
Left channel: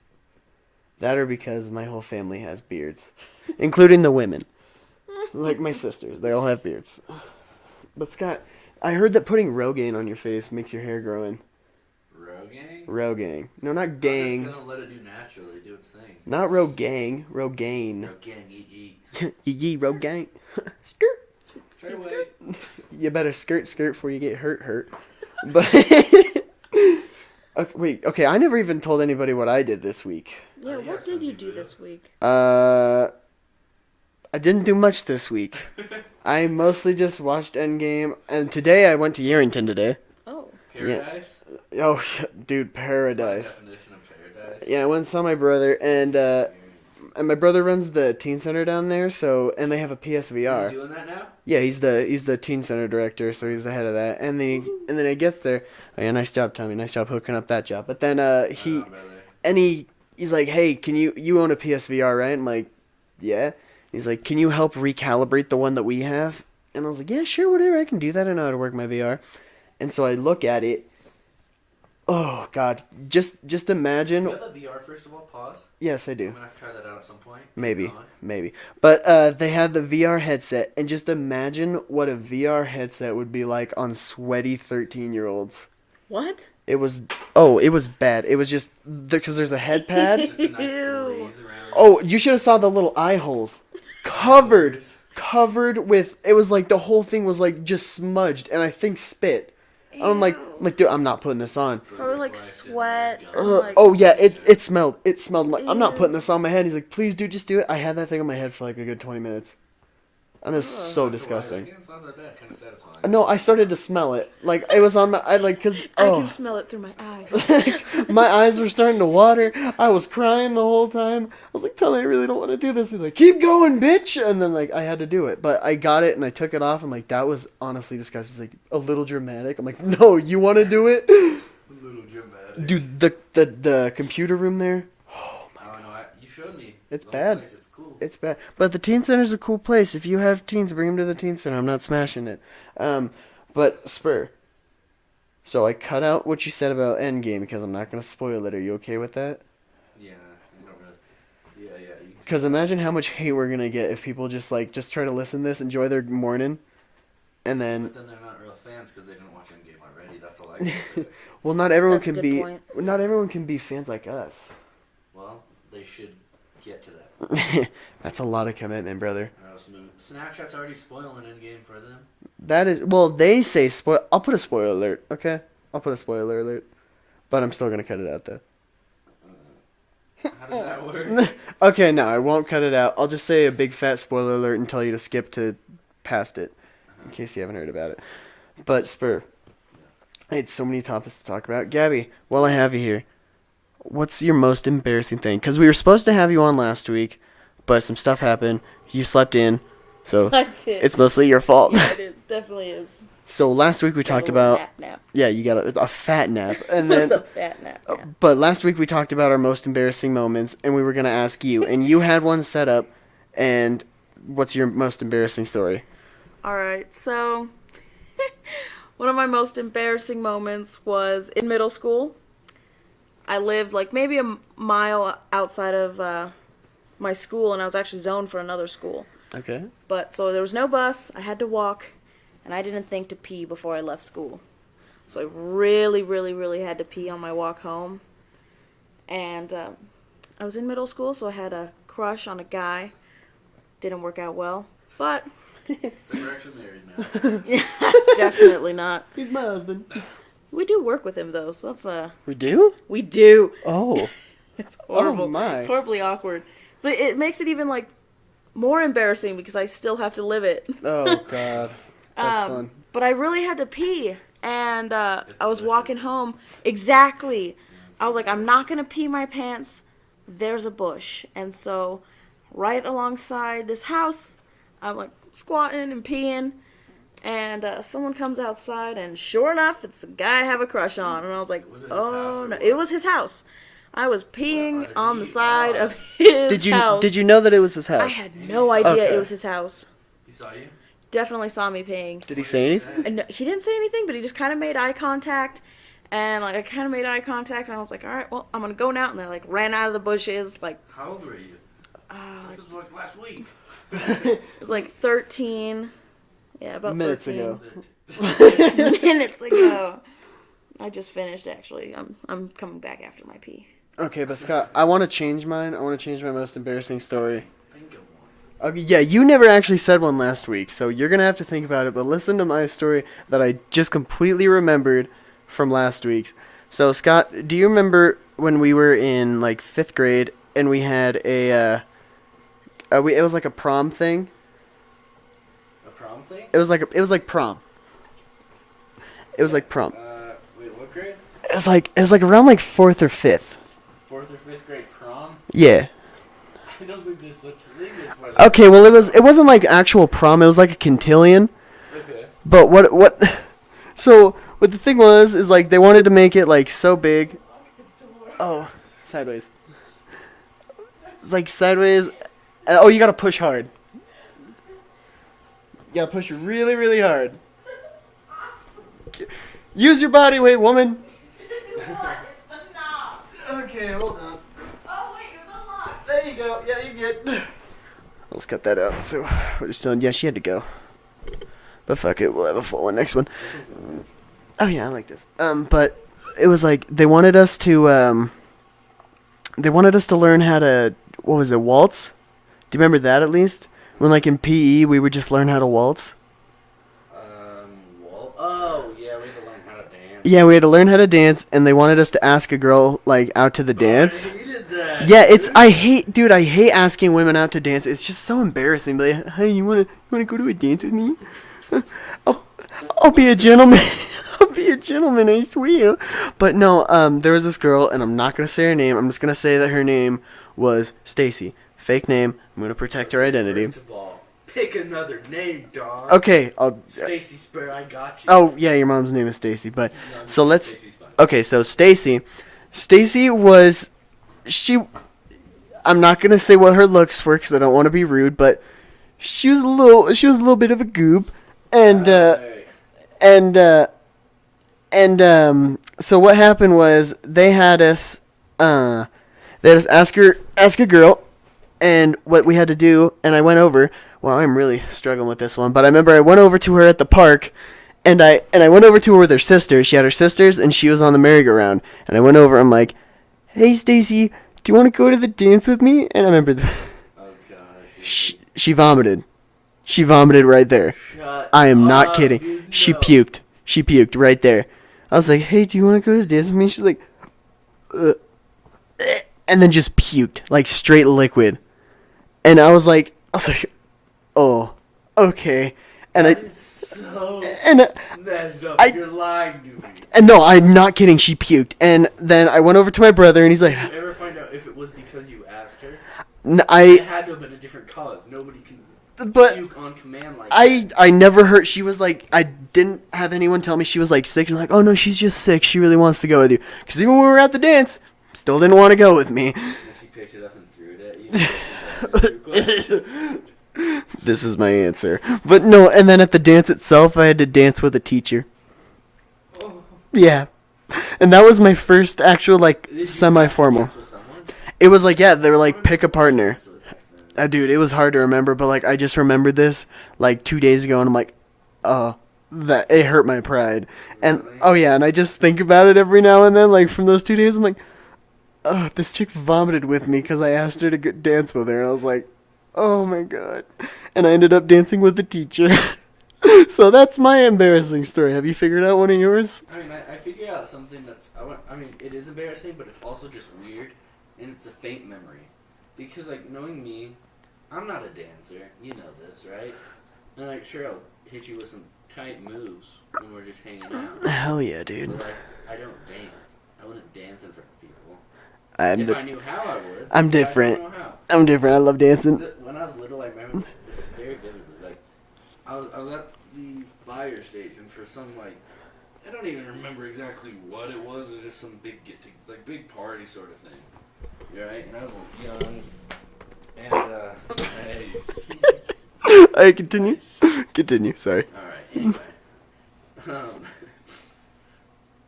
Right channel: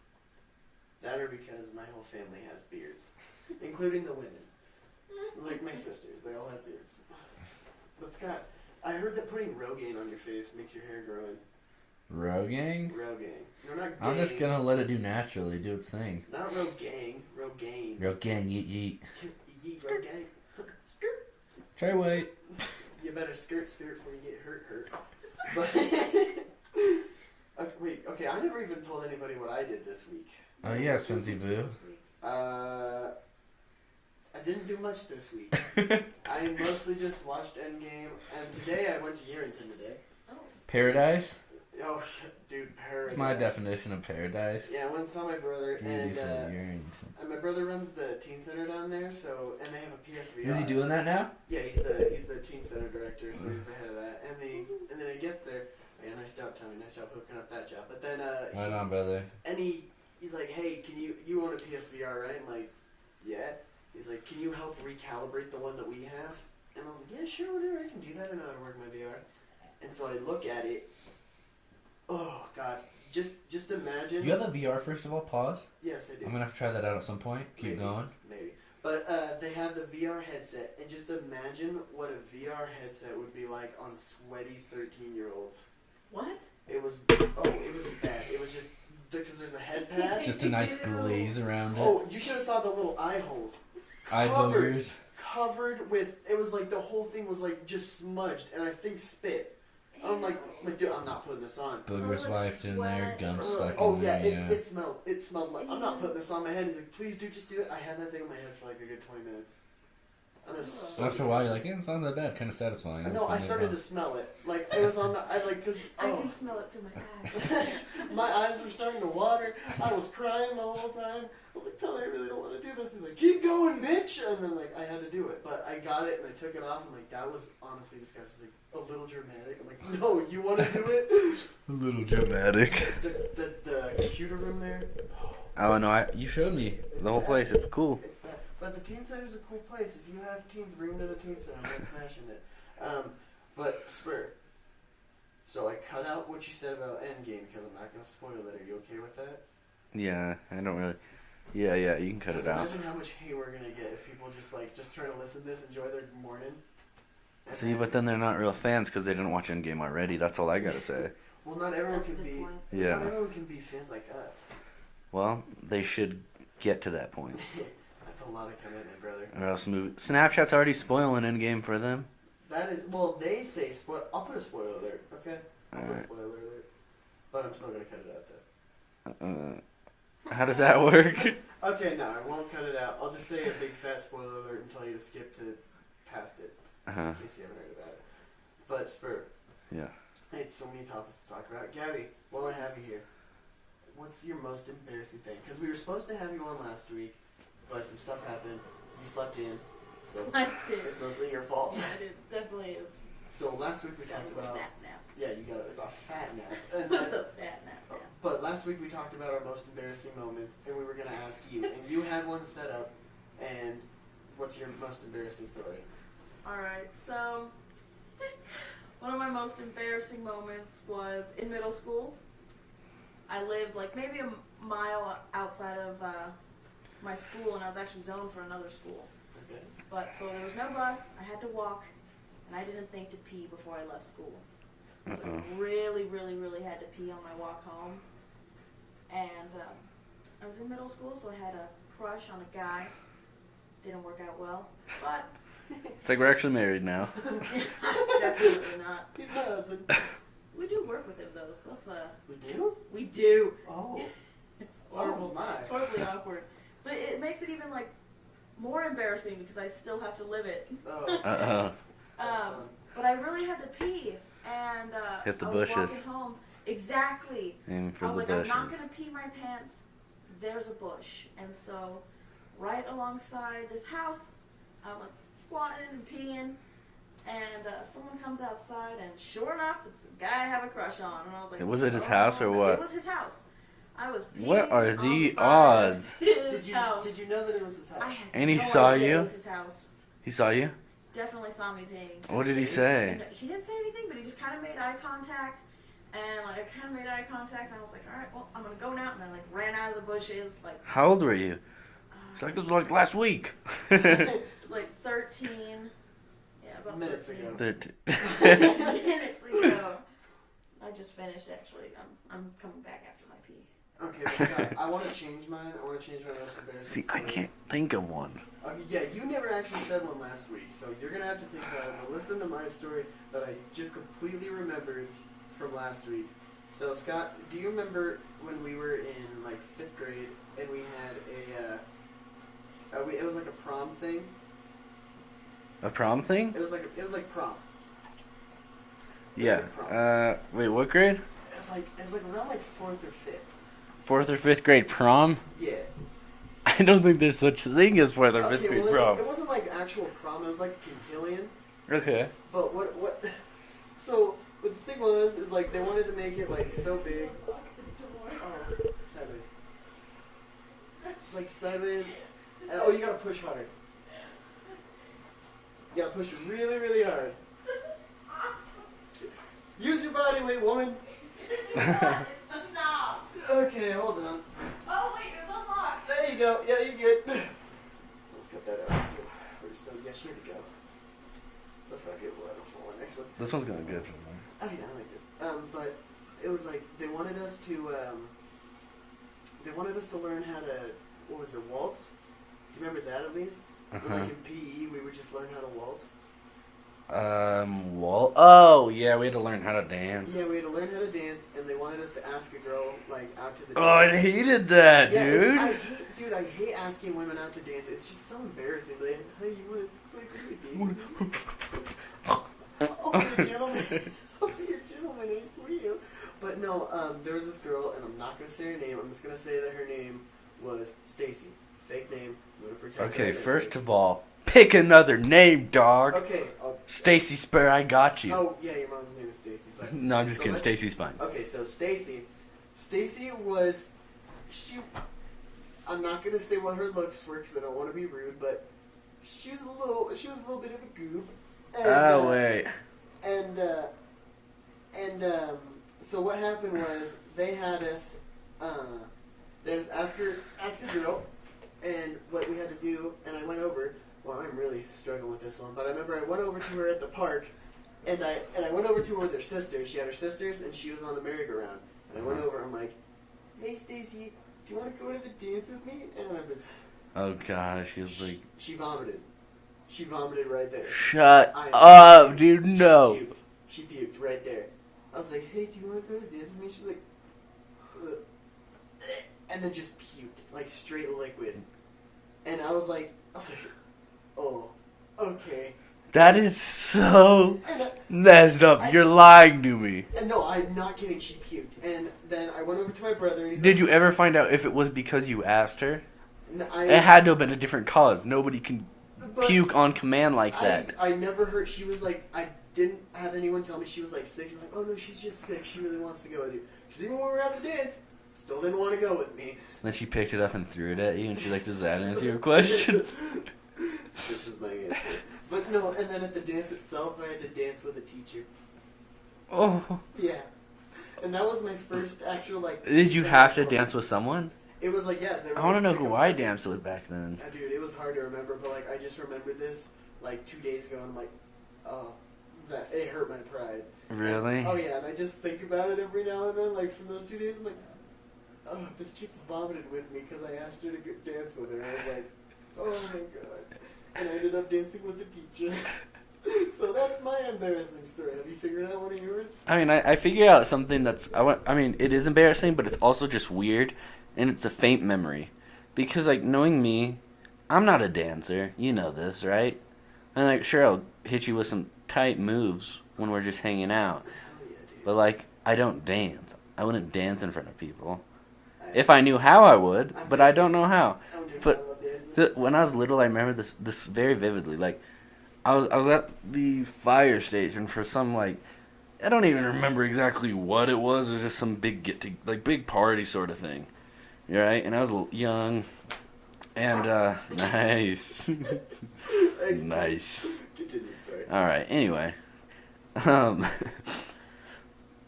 That or because my whole family has beards, including the women. Like my sisters, they all have beards. But Scott, I heard that putting Rogaine on your face makes your hair grow in. Rogaine? Rogaine. No, not I'm gang. just gonna let it do naturally, do its thing. Not Rogaine. Rogaine. Rogaine, yeet yeet. Yee Rogaine. Skirt. Try wait. You better skirt before you get hurt. But okay, wait. Okay, I never even told anybody what I did this week. Oh, yeah, what did you Spongy do Boo. this week? I didn't do much this week. I mostly just watched Endgame, and today I went to Yerington today. Oh. Paradise? Oh, dude, That's my paradise. definition of paradise. Yeah, I went and saw my brother, and my brother runs the teen center down there, and they have a Is PSVR. he doing that now? Yeah, he's the teen center director, so he's the head of that. And then I get there. Oh, yeah, nice job, Tommy. Nice job hooking up that job. But then Right on, brother. he's like, hey, can you own a PSVR, right? I'm like, yeah. He's like, can you help recalibrate the one that we have? And I was like, yeah, sure, whatever. I can do that. I know how to work my VR. And so I look at it. Oh God, just imagine. You have a VR first of all. Pause. Yes, I I'm do. gonna have to try that out at some point. Keep Maybe, going. maybe. But they had the VR headset, and just imagine what a VR headset would be like on sweaty 13-year-olds. What? It was bad. It was just because there's a head pad. Just a nice Ew. glaze around. Oh, you should have saw the little eye holes. Covered with. It was like the whole thing was like just smudged, and I think spit. I'm like, dude, I'm not putting this on. Or like sweat. Oh yeah, it smelled. It smelled like I'm not putting this on my head. He's like, please, dude, just do it. I had that thing on my head for like a good 20 minutes. And it was so disgusting. It's not that bad. Kind of satisfying. No, I started to smell it. Like it was on my. Cause I can smell it through my eyes. my eyes were starting to water. I was crying the whole time. I was like, Tommy, I really don't want to do this. He's like, keep going, bitch. And then I had to do it, but I got it and I took it off. I'm like, that was honestly disgusting. It's like a little dramatic. I'm like, no, you want to do it? A little dramatic. The computer room there. Oh no, you showed me It's the bad. whole place. It's cool. It's bad, but the teen center's a cool place. If you have teens, bring them to the teen center. I'm not smashing it. But Spur. So I cut out what you said about Endgame because I'm not gonna spoil it. Are you okay with that? Yeah, I don't really. Yeah, you can. cut Because it out. imagine how much hate we're gonna get if people just try to listen to this, enjoy their morning, and See, then but then they're not real fans because they didn't watch Endgame already. That's all I gotta say. well, not everyone That's a can good be. point. Not Yeah. everyone can be fans like us. Well, they should get to that point. That's a lot of commitment, brother. Or else Snapchat's already spoiling Endgame for them. That is well. They say spoil. I'll put a spoiler alert. Okay, I'll put a spoiler alert, but I'm still gonna cut it out though. How does that work? Okay, no, I won't cut it out. I'll just say a big fat spoiler alert and tell you to skip to past it, in case you haven't heard about it. But Spur, Yeah. I had so many topics to talk about. Gabby, while I have you here, what's your most embarrassing thing? Because we were supposed to have you on last week, but some stuff happened. You slept in, so I did. it's mostly your fault. Yeah, it is. Definitely is. So last week we talked A little about nap. yeah, you got a fat nap, and It's then a fat nap. Yeah. but last week we talked about our most embarrassing moments, and we were gonna ask you, and you had one set up. And what's your most embarrassing story? All right, so one of my most embarrassing moments was in middle school. I lived like maybe a mile outside of my school, and I was actually zoned for another school. Okay. But so there was no bus. I had to walk, and I didn't think to pee before I left school. So I really, really, really had to pee on my walk home. And I was in middle school, so I had a crush on a guy. Didn't work out well, but It's like we're actually married now. definitely not. He's my husband. We do work with him though, so that's We do? we do. Oh. It's horrible. Oh, my. It's horribly awkward. So it makes it even like more embarrassing because I still have to live it. Oh, God. That's fun. But I really had to pee, and Hit the I was bushes. walking home. Exactly. Aim for I was the like, I'm not bushes. gonna pee my pants. There's a bush, and so right alongside this house, I'm like squatting and peeing, and someone comes outside, and sure enough, it's the guy I have a crush on. And I was like, Was it his house or no." what? It was his house. I was peeing are on the the side of odds? his Did house. you know that it was his I house? had And he no saw idea you? it was his house. He saw you? Definitely saw me peeing. Did he What say did he anything? say? And he didn't say anything, but he just kind of made eye contact. And like I kind of made eye contact, and I was like, all right, well, I'm gonna go now. And I like ran out of the bushes. Like How old were you? It's like it was like last week. it was like 13. Yeah, about Minutes 13. ago. Minutes ago. I just finished actually. I'm coming back after my pee. Okay, but Scott, I want to change mine. I want to change my most embarrassing I story. can't think of one. Okay, yeah, you never actually said one last week, so you're going to have to think about it, but listen to my story that I just completely remembered from last week's. So, Scott, do you remember when we were in, like, 5th grade, and we had it was like a prom thing? A prom thing? It was like prom. It was Yeah. like prom. Wait, what grade? It was like around, like, 4th or 5th. 4th or 5th grade prom? Yeah. I don't think there's such a thing as 4th or 5th Okay, well, grade it wasn't like actual prom, it was like a quintillion. Okay. But what so what the thing was is like they wanted to make it like so big. Oh, sideways. It's like sideways. Oh, you gotta push hard. You gotta push really, really hard. Use your body weight, woman. Okay, hold on. Oh wait, it was unlocked. There you go. Yeah, you good. Let's cut that out. So we're just doing. Yeah, she had to go. But fuck it, we'll have a full one next one. This one's gonna be good. Oh yeah, I like this. But it was like they wanted us to learn how to what was it, waltz? Do you remember that at least? When like in PE we would just learn how to waltz. Well, oh yeah, we had to learn how to dance. Yeah, we had to learn how to dance, and they wanted us to ask a girl like out to the dance. Oh, I hated that. Yeah, dude. I hate asking women out to dance. It's just so embarrassing. Like, hey, you wanna go to a dance with me? I'll be a gentleman. I'll be a gentleman, I swear. But no, there was this girl, and I'm not gonna say her name. I'm just gonna say that her name was Stacy. Fake name. I'm gonna protect her identity. First of all, pick another name, dog. Okay, I'll. Stacy Spur, I got you. Oh yeah, your mom's name is Stacy, but No, I'm just so kidding. let's. Stacy's fine. Okay, so Stacy was she. I'm not gonna say what her looks were because I don't want to be rude, but she was a little bit of a goob, and Wait. so what happened was they had us ask a girl, and what we had to do, and I went over. Wow, I'm really struggling with this one, but I remember I went over to her at the park, and I went over to her with her sisters. She had her sisters, and she was on the merry-go-round, and I went over. I'm like, "Hey, Stacy, do you want to go to the dance with me?" And I remember Oh gosh. she vomited. She vomited right there. Shut I am not up, kidding. Dude, no. She puked. She puked right there. I was like, "Hey, do you want to go to the dance with me?" She's like, and then just puked like straight liquid. And I was like, "Oh, okay." And That is so and messed up. You're lying to me. and no, I'm not kidding. She puked, and then I went over to my brother, and he's like, Did you ever find out if it was because you asked her? N- It "I." had to have been a different cause. Nobody can But puke on command like I that. I never heard. She was like, I didn't have anyone tell me she was like sick. She's like, "Oh no, she's just sick. She really wants to go with you." Because even when we were at the dance, still didn't want to go with me. Then she picked it up and threw it at you. And you're like, "Does that answer your question?" This is my answer. But no, and then at the dance itself, I had to dance with a teacher. Oh. Yeah. And that was my first actual like Did you have to semi-formal. dance with someone? It was like, yeah, they were I like wanna know pick a who I partner. danced with back then. Dude, it was hard to remember, but like I just remembered this like 2 days ago, and I'm like, that it hurt my pride. Really? And oh yeah, and I just think about it every now and then, like from those 2 days, I'm like, this chick vomited with me because I asked her to dance with her, and I was like, oh my god. And I ended up dancing with the teacher. So that's my embarrassing story. Have you figured out one of yours? I mean, I figured out something that's I mean, it is embarrassing, but it's also just weird, and it's a faint memory, because like knowing me, I'm not a dancer. You know this, right? And like, sure, I'll hit you with some tight moves when we're just hanging out, Hell yeah, dude. but like, I don't dance. I wouldn't dance in front of people. I'm If I knew how, I would. I'm but different. I don't know how. I'm different. I love dancing. When I was little, I remember this very vividly. Like, I was at the fire station for some like, I don't even remember exactly what it was. It was just some big big party sort of thing. You right? And I was a little young, and nice. I continue. Nice. Continue. Sorry. All right. Anyway,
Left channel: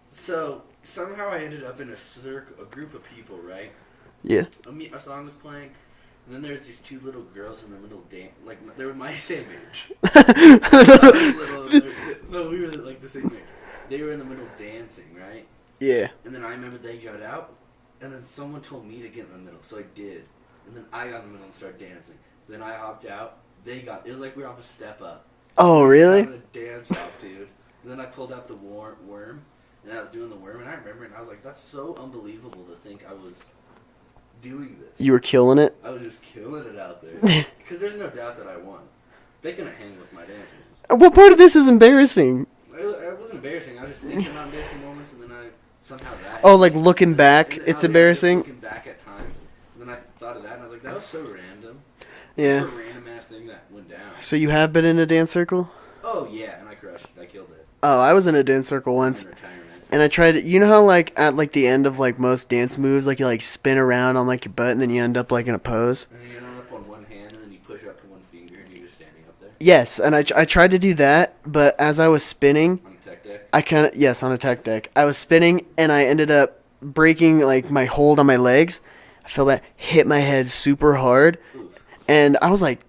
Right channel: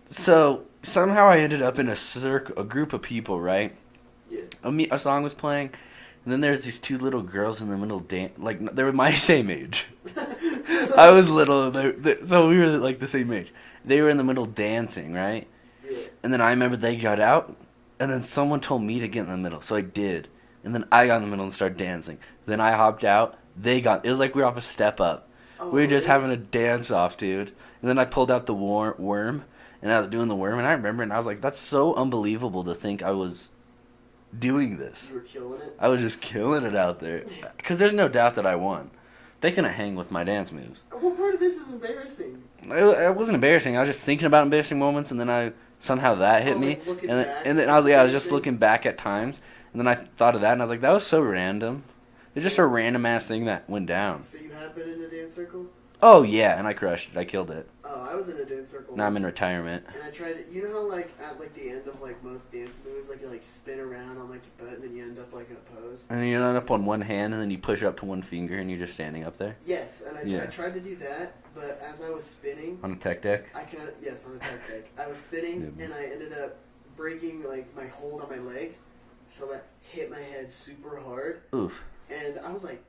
so somehow I ended up in a group of people, right? Yeah. A song was playing, and then there's these two little girls in the middle like they were my same age. I was little, so we were like the same age. They were in the middle dancing, right? Yeah. And then I remember they got out, and then someone told me to get in the middle, so I did. And then I got in the middle and started dancing. Then I hopped out. It was like we were off a step up. Oh, we were really? just having a dance off, dude. And then I pulled out the worm, and I was doing the worm, and I remember, and I was like, that's so unbelievable to think I was doing this. You were killing it. I was just killing it out there. Because there's no doubt that I won. They couldn't hang with my dance moves. What part of this is embarrassing? It wasn't embarrassing. I was just thinking about embarrassing moments, and then somehow that hit Oh, like me. looking And back, and it's I was embarrassing? just looking back at times, and then I thought of that, and I was like, that was so random. It's just Yeah. a random ass thing that went down. So you have been in a dance circle? Oh yeah, and I crushed it. I killed it. Oh, I was in a dance circle Now I'm once. in retirement. And I tried, you know how like at like the end of like most dance moves, like you like spin around on like your butt and then you end up like in a pose? And then you end up on one hand, and then you push up to one finger, and you're just standing up there Yes, and I tried to do that, but as I was spinning, on a tech deck. I kind of, yes, on a tech deck. I was spinning and I ended up breaking like my hold on my legs. I fell back, hit my head super hard, Oof. and I was like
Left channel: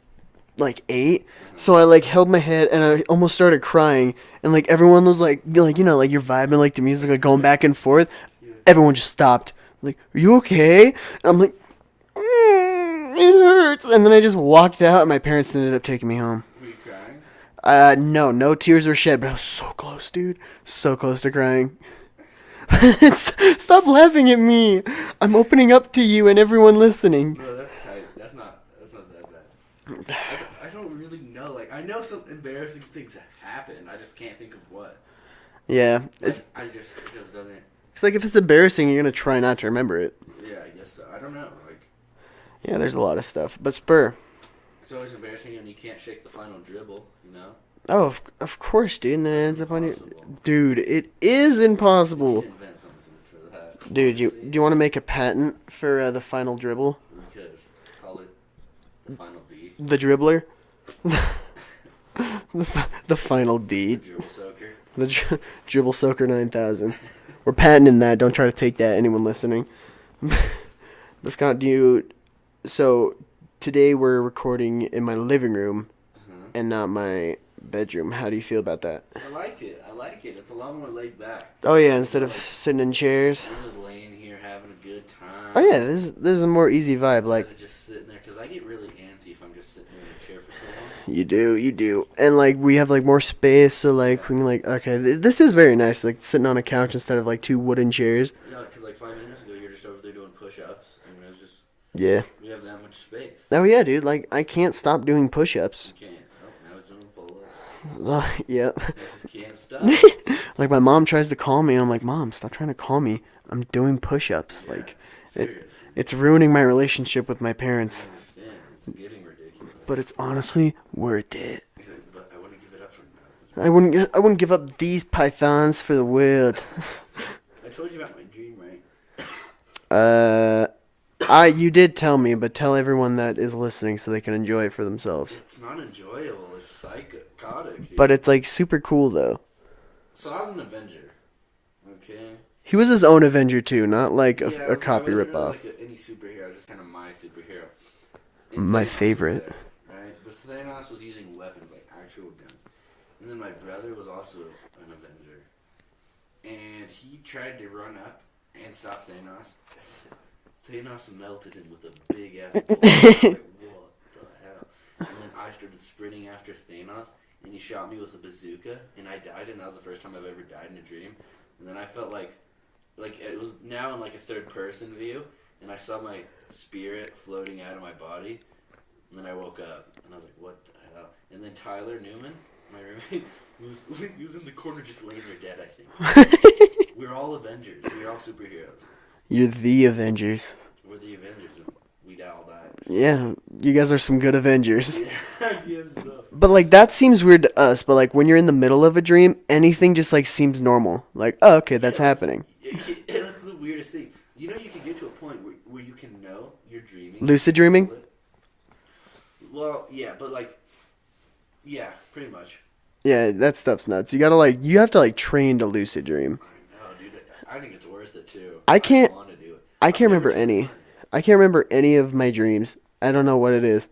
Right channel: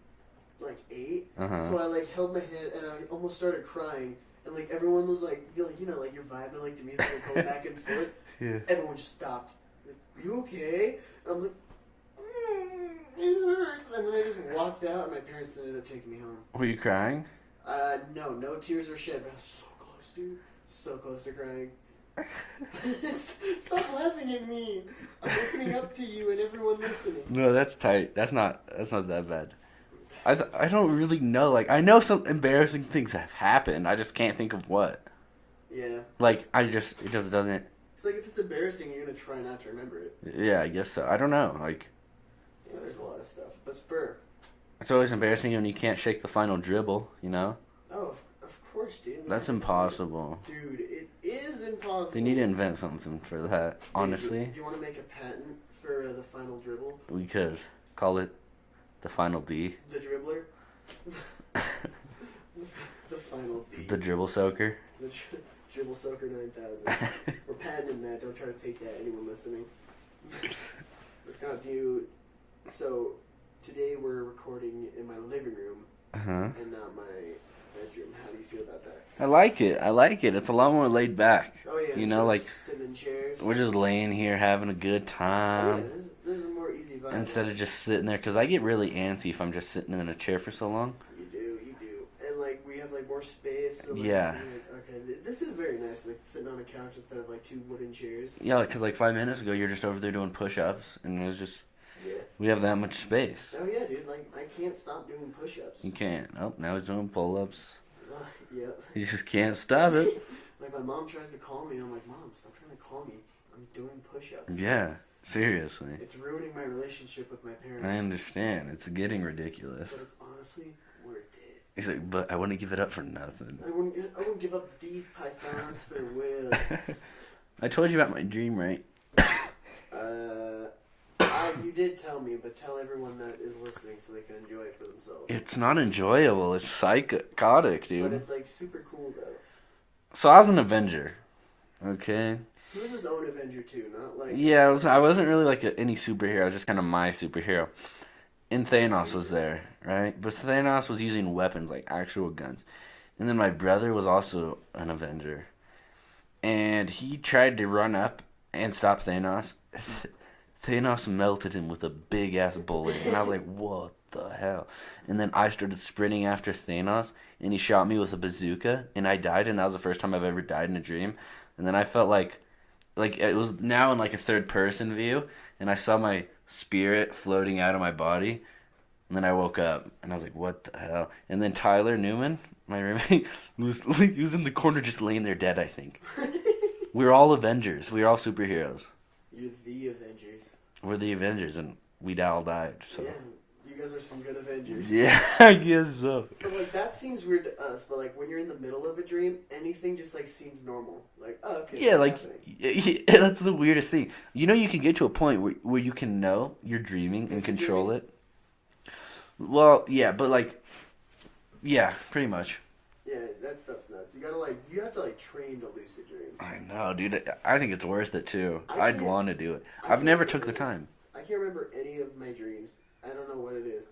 8. So I like held my head and I almost started crying, and like everyone was like you know, like you're vibing like the music, like going back and forth. Yeah. Everyone just stopped. Like, are you okay? And I'm like, it hurts. And then I just walked out, and my parents ended up taking me home. Were you crying? No tears were shed, but I was so close, dude. So close to crying. Stop laughing at me. I'm opening up to you and everyone listening. No, that's tight. That's not that bad. I don't really know. Like, I know some embarrassing things have happened. I just can't think of what. Yeah. Like, it just doesn't. It's like if it's embarrassing, you're going to try not to remember it. Yeah, I guess so. I don't know. Like, Yeah, there's a lot of stuff. But Spur. it's always embarrassing when you can't shake the final dribble, you know? Oh, of course, dude. And then it That's ends up on you. impossible. Dude, it is You need impossible. to invent something for that. Dude, honestly. do you want to make a patent for the final dribble? We could call it the final D. The dribbler? The final D. The dribble soaker. The Dribble Soaker 9000. We're patenting that. Don't try to take that, anyone listening. But Scott, so today we're recording in my living room Uh-huh. and not my bedroom. How do you feel about that? I like it. It's a lot more laid back. Oh yeah, You instead know, of like, sitting in chairs. we're just laying here having a good time. Oh yeah, this is a more easy vibe. Instead Like of just sitting there, because I get really antsy if I'm just sitting in a chair for so long. you do, and like we have like more space, so like Yeah. we're like okay, this is very nice. Like sitting on a couch instead of like 2 wooden chairs. Yeah, because like 5 minutes ago, you're just over there doing push-ups, and it was just, Yeah. we have that much space. Oh yeah, dude. Like I can't stop doing push-ups. You can't. Oh, now he's doing pull-ups. Yep. He just can't stop it. Like my mom tries to call me, and I'm like, Mom, stop trying to call me. I'm doing push-ups. Yeah, Like, seriously. it's ruining my relationship with my I parents. understand. It's getting ridiculous. But it's honestly worth it. He's like, but I wouldn't give it up for nothing. I wouldn't give up these pythons for the world. I told you about my dream, right? You did tell me, but tell everyone that is listening so they can enjoy it for themselves. It's not enjoyable. It's psychotic, dude. But it's like super cool though. So I was an Avenger. Okay. He was his own Avenger too, not like Yeah, a I copy wasn't really ripoff. like any superhero. I was just kind of my superhero. And My Thanos favorite. was there, right? But Thanos was using weapons, like actual guns. And then my brother was also an Avenger. And he tried to run up and stop Thanos. Thanos melted him with a big ass bullet. And I was like, what the hell? And then I started sprinting after Thanos, and he shot me with a bazooka, and I died, and that was the first time I've ever died in a dream. And then I felt like it was now in like a third person view, and I saw my spirit floating out of my body. And then I woke up, and I was like, what the hell? And then Tyler Newman, my roommate, he was in the corner just laying there dead, I think. We were all Avengers. We were all superheroes. You're the Avengers. We're the Avengers, and we all died. Yeah, you guys are some good Avengers. Yeah, I guess so. But, like, that seems weird to us, but, like, when you're in the middle of a dream, anything just, like, seems normal. Like, oh, okay, that's happening. Yeah, that's the weirdest thing. You know, you can get to a point where you can know you're dreaming. Lucid dreaming? It. Well, yeah, but, like, yeah, pretty much. Yeah, that stuff's nuts. You have to, like, train to lucid dream. I know, dude. I think it's worth it, too. I want to do it. I can't never remember took the any. time. I can't remember any of my dreams. I don't know what it is.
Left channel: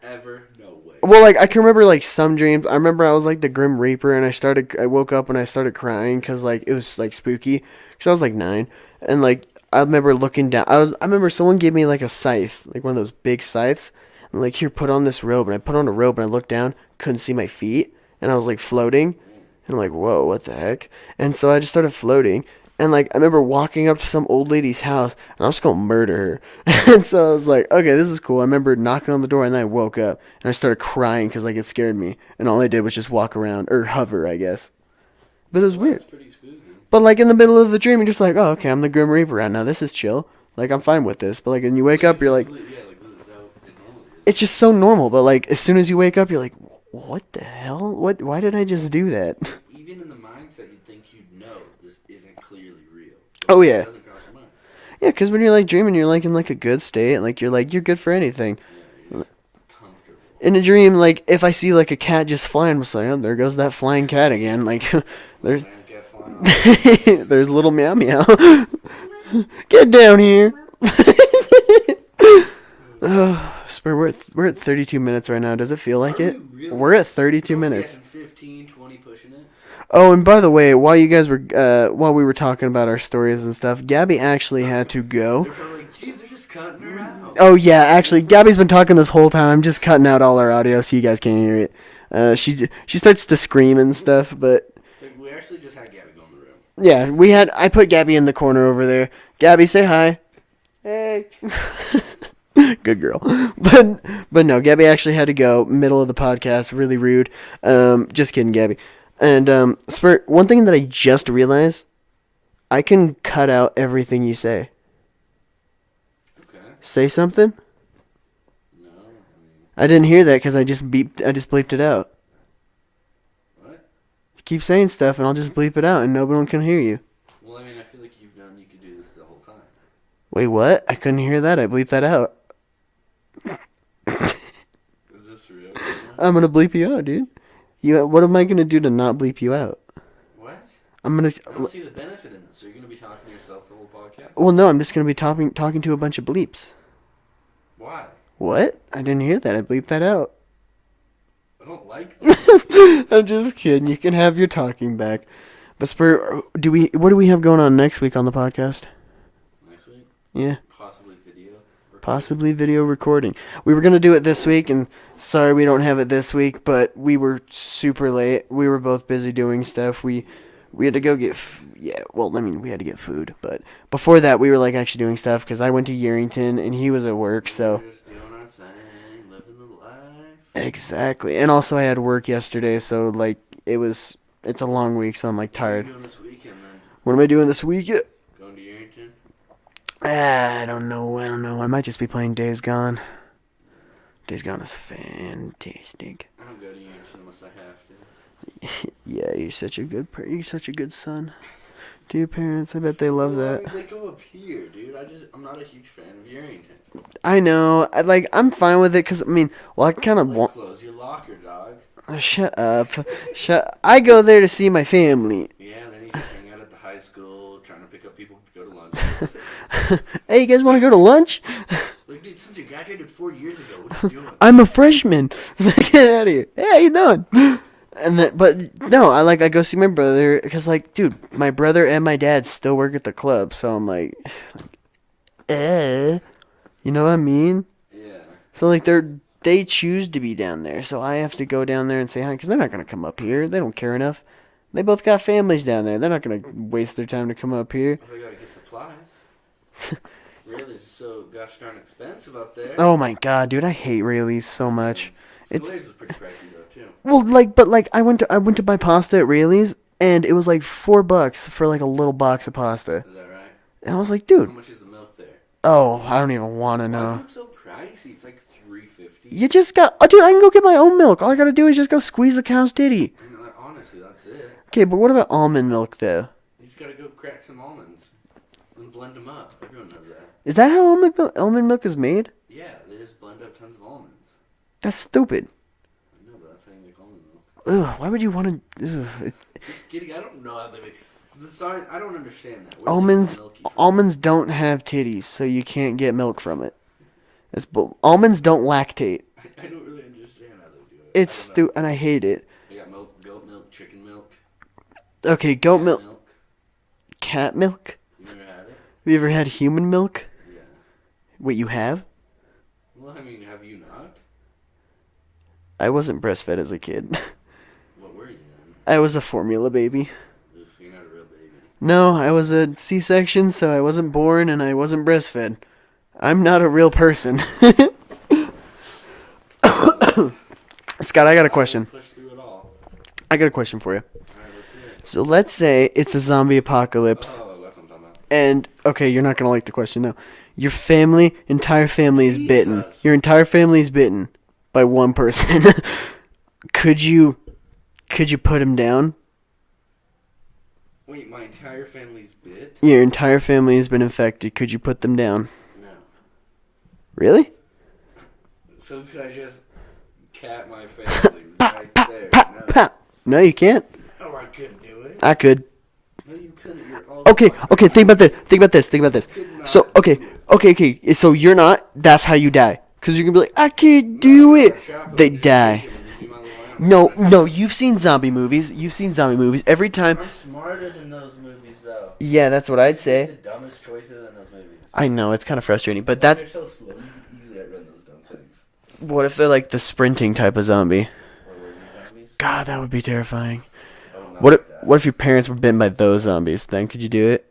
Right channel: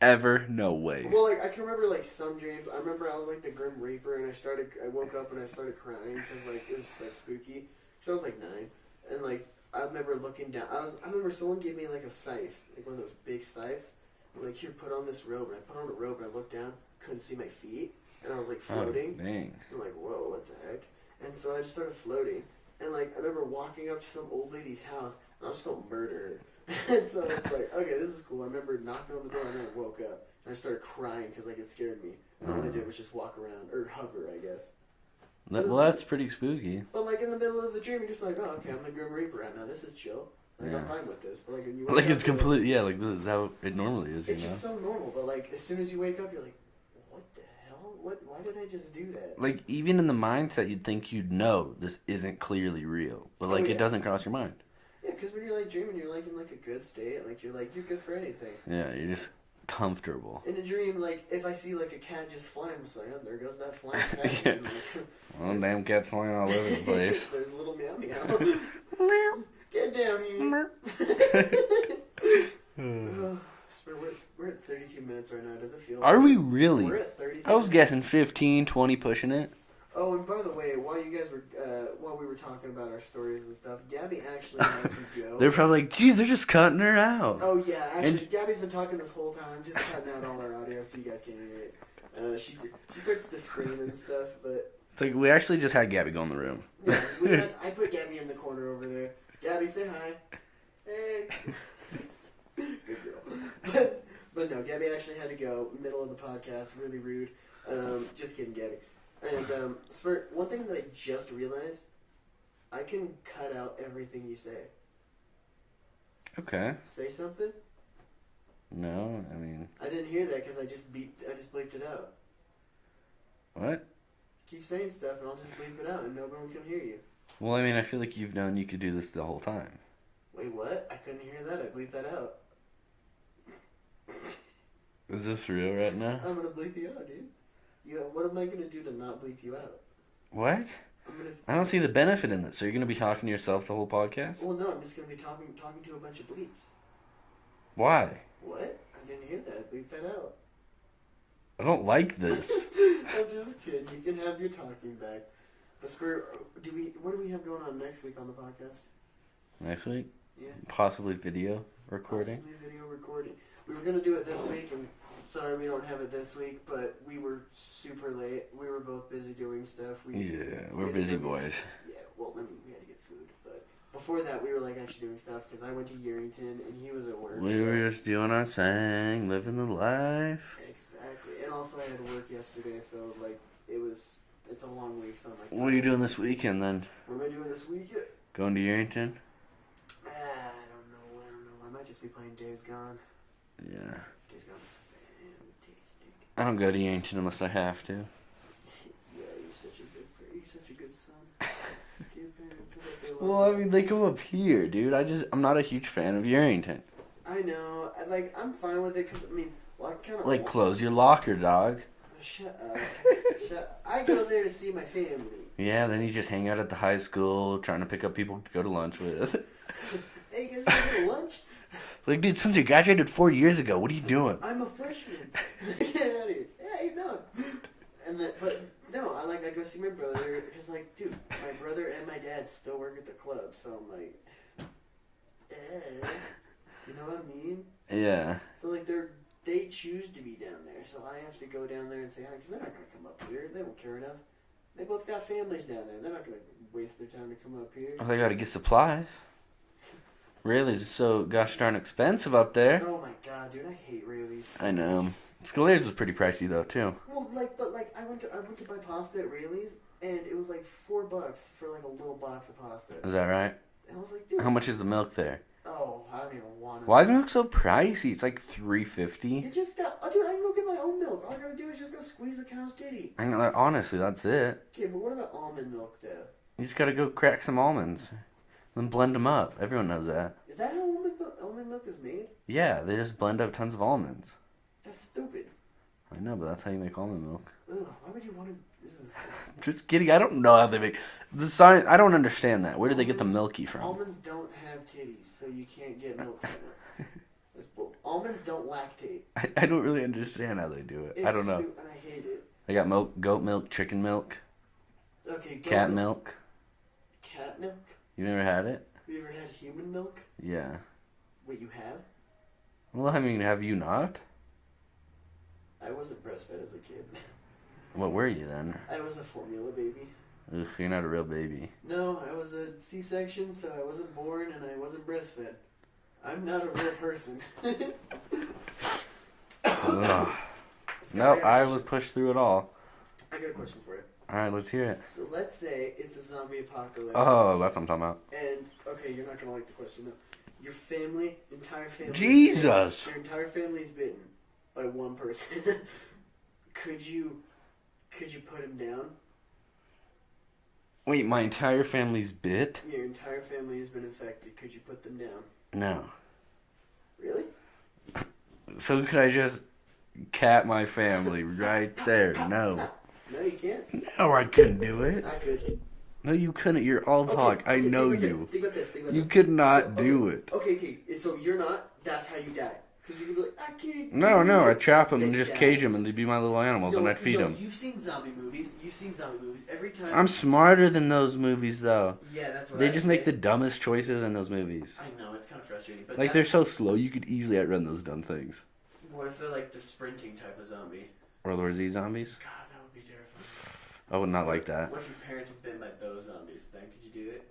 Ever? No way. Well, like, I can remember, like, some dreams. I remember I was, like, the Grim Reaper, and I woke up and I started crying because, like, it was, like, spooky. Because I was, like, 9. And, like, I remember looking down. I remember someone gave me, like, a scythe. Like, one of those big scythes. And, like, here, put on this robe. And I put on a robe, and I looked down. Couldn't see my feet. And I was, like, floating. Dang. And I'm like, whoa, what the heck? And so I just started floating. And, like, I remember walking up to some old lady's house, and I was going to murder her. And so I was like, okay, this is cool. I remember knocking on the door, and then I woke up, and I started crying because, like, it scared me. And all I did was just walk around, or hover, I guess. But it was weird. That's pretty spooky. But, like, in the middle of the dream, you're just like, oh, okay, I'm the Grim Reaper right now. This is chill. Like, I'm fine with this. But, like, when you wake up, you're like... Yeah, like, this is how it normally is. It's just so normal. But, like, as soon as you wake up, you're like, what the hell? Why did I just do that? Like, even in the mindset, you'd think you'd know this isn't clearly real. But, Oh, like, yeah. It doesn't cross your mind. Yeah, because when you're, like, dreaming, you're, like, in, like, a good state. Like, you're good for anything. Yeah, you're just comfortable. In a dream, like, if I see, like, a cat just flying, I'm just like, oh, there goes that flying cat again. Like, there's... Damn cat's flying all over the place. There's little meow meow. Get down here. Spur, we're at 32 minutes right now. Does it feel like Are it? we really? We're at 32 I was minutes. guessing 15, 20 pushing it. Oh, and by the way, while we were talking about our stories and stuff, Gabby actually had to go. They're probably like, geez, they're just cutting her out. Oh yeah, actually, Gabby's been talking this whole time. I'm just cutting out all our audio so you guys can't hear it. She starts to scream and stuff, but It's like we actually just had Gabby go in the room. yeah, I put Gabby in the corner over there. Gabby, say hi. Hey. Good girl. But no, Gabby actually had to go. Middle of the podcast, really rude. Just kidding, Gabby. And Spurt, one thing that I just realized, I can cut out everything you say. Okay. Say something? No, I mean, I didn't hear that because I just bleeped it out. what? Keep saying stuff and I'll just bleep it out and no one can hear you. Well, I mean, I feel like you've known you could do this the whole time. Wait, what? I couldn't hear that. I bleeped that out. Is this real right now? I'm gonna bleep you out, dude. What am I gonna do to not bleep you out? What? I'm gonna. I don't see the benefit in this. So you're gonna be talking to yourself the whole podcast? Well, no, I'm just gonna be talking to a bunch of bleeps. Why? What? I didn't hear that. I bleeped that out. I don't like this. I'm just kidding. You can have your talking back. But Spur, what do we have going on next week on the podcast? Next week? Yeah, Possibly video. Recording. possibly video recording. We were gonna do it this week, and sorry we don't have it this week. But we were super late. We were both busy doing stuff. We had to go get. Well, I mean, we had to get food. But before that, we were like actually doing stuff because I went to Yerington and he was at work. We So were just doing our thing, living the life. exactly. And also, I had work yesterday, so like it's a long week, so I'm like What are you tired. doing this weekend then? What am I doing this week? Going to Yerington? I don't know. I might just be playing Days Gone. Yeah. Days Gone is fantastic. I don't go to Yankton unless I have to. Yeah, you're such a good son. To your parents, I bet they love Well, that. I mean, they come up here, dude. I'm not a huge fan of Yerington. I know. I'm fine with it because I mean, well, I kind of Like, close your locker, dog. Shut up. I go there to see my family. Yeah, then you just hang out at the high school, trying to pick up people to go to lunch with. Hey, you guys want to go to lunch? Like, dude, since you graduated 4 years ago, what are you doing? I'm a freshman. Get out of here. Hey, how you doing? And then, but no, I go see my brother because like, dude, my brother and my dad still work at the club, so I'm like, You know what I mean? Yeah. So like they choose to be down there, so I have to go down there and say hi because they're not gonna come up here. They don't care enough. They both got families down there. They're not gonna waste their time to come up here. Oh, they gotta get supplies. Really, it's so gosh darn expensive up there. Oh my god, dude, I hate Rayleigh's so I know. much. Escalators was pretty pricey though too. Well, like I went to buy pasta at Rayleigh's and it was like $4 for like a little box of pasta. Is that right? And I was like, How dude, much is the milk there? oh, I don't even want to Why is know. milk so pricey? It's like $3.50. You just got, oh, dude, I can go get my own milk. All I gotta do is just go squeeze the cow's titty. I know, honestly, that's it. Okay, but what about almond milk though? You just gotta go crack some almonds, then blend them up. Everyone knows that. Is that how almond milk is made? Yeah, they just blend up tons of almonds. That's stupid. I know, but that's how you make almond milk. Ugh, why would you want to? Just kidding. I don't know how they make the science. I don't understand that. Where do they get the milky from? Almonds don't have titties, so you can't get milk from it. Almonds don't lactate. I don't really understand how they do it. It's I don't know. and I hate it. They got milk, goat milk, chicken milk, Okay, goat cat milk, milk. cat milk. You never had it? Have you ever had human milk? Yeah. Wait, you have? Well, I mean, have you not? I wasn't breastfed as a kid. What were you then? I was a formula baby. Oof, you're not a real baby. No, I was a C-section, so I wasn't born and I wasn't breastfed. I'm not a real person. Scott, I got a question. Push through it all. I got a question for you. All right, let's hear it. So let's say it's a zombie apocalypse. Oh, that's what I'm talking about. And okay, you're not gonna like the question though. Your entire family is bitten. Jesus. Your entire family is bitten by one person. Could you put him down? Wait, my entire family's bit? Your entire family has been infected. Could you put them down? No. Really? So could I just cat my family right there? No. Pa. No, you can't. No, I couldn't do it. I could. No, you couldn't. You're all Okay, fucked. I okay. Think know about this. you. Think about this. Think about this. You could not So okay, do it. okay. So you're not. That's how you die. Cause you're gonna be like, I can't No, do no, I it. chop 'em They and just die. cage 'em and they be my little animals No, and I feed no. 'em. You've seen zombie movies. You've seen zombie movies. Every time. I'm smarter than those movies, though. Yeah, that's what They I'd just say. make the dumbest choices in those movies. I know it's kind of frustrating, but Like, that's they're so slow. You could easily outrun those dumb things. what if they're like the sprinting type of zombie? World War Z zombies. God, that would be terrifying. I would not What like if that. what if your parents were bitten by those zombies? Then could you do it?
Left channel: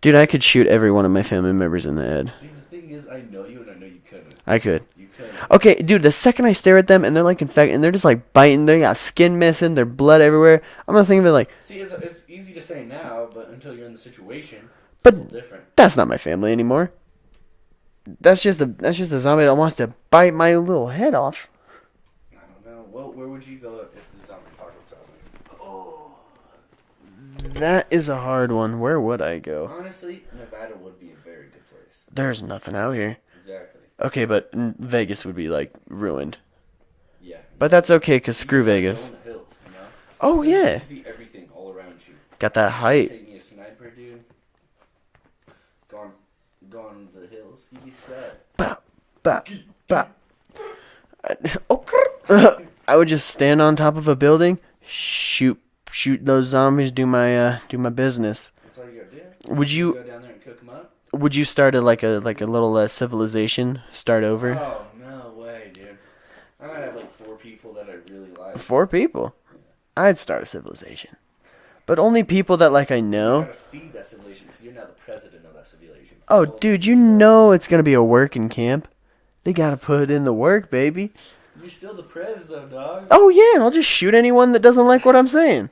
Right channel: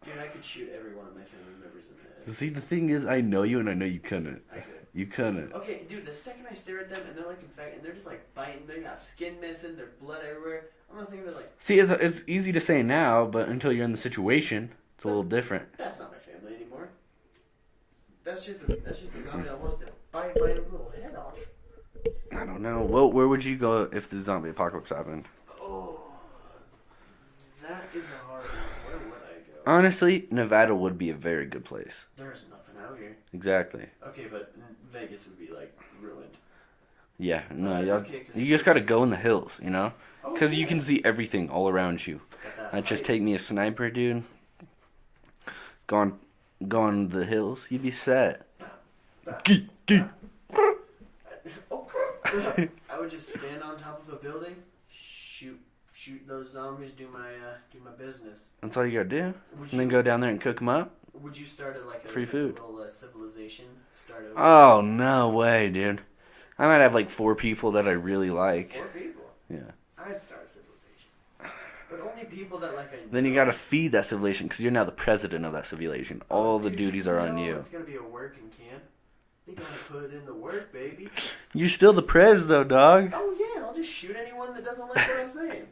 Dude, I could shoot every one of my family members in the head. See, the thing is, I know you, and I know you couldn't. I could. You couldn't. Okay, dude, the second I stare at them and they're like infected and they're just like biting, they got skin missing, their blood everywhere. I'm gonna think of it like, See, it's easy to say now, but until you're in the situation, it's But- a little different. that's not my family anymore. That's just a zombie that wants to bite my little head off. I don't know. Well, where would you go if the zombie apocalypse happened? That is a hard one. Where would I go? Honestly, Nevada would be a very good place. There's nothing out here. Exactly. Okay, but Vegas would be like ruined. Yeah. But that's okay, 'cause you screw just gotta Vegas. go in the hills, you know? Oh Because you yeah, can see everything all around you. got that Now, height. just take me a sniper, dude. Go on the hills. You'd be set. Bah, bah, bah. I would just stand on top of a building, shoot those zombies, do my business. That's all you gotta do. Would You you go down there and cook them up? would you start a like a Free food. little civilization? Start over. Oh, no way, dude. I might have like 4 people that I really like. 4 people. Yeah. I'd start a civilization, but only people that like I Then you know. gotta feed that civilization because you're now the president of that civilization. Oh, All the dude, you duties are on know you. it's gonna be a working camp. They gotta put in the work, baby. You're still the prez, though, dog. Oh yeah, and I'll just shoot anyone that doesn't like what I'm saying.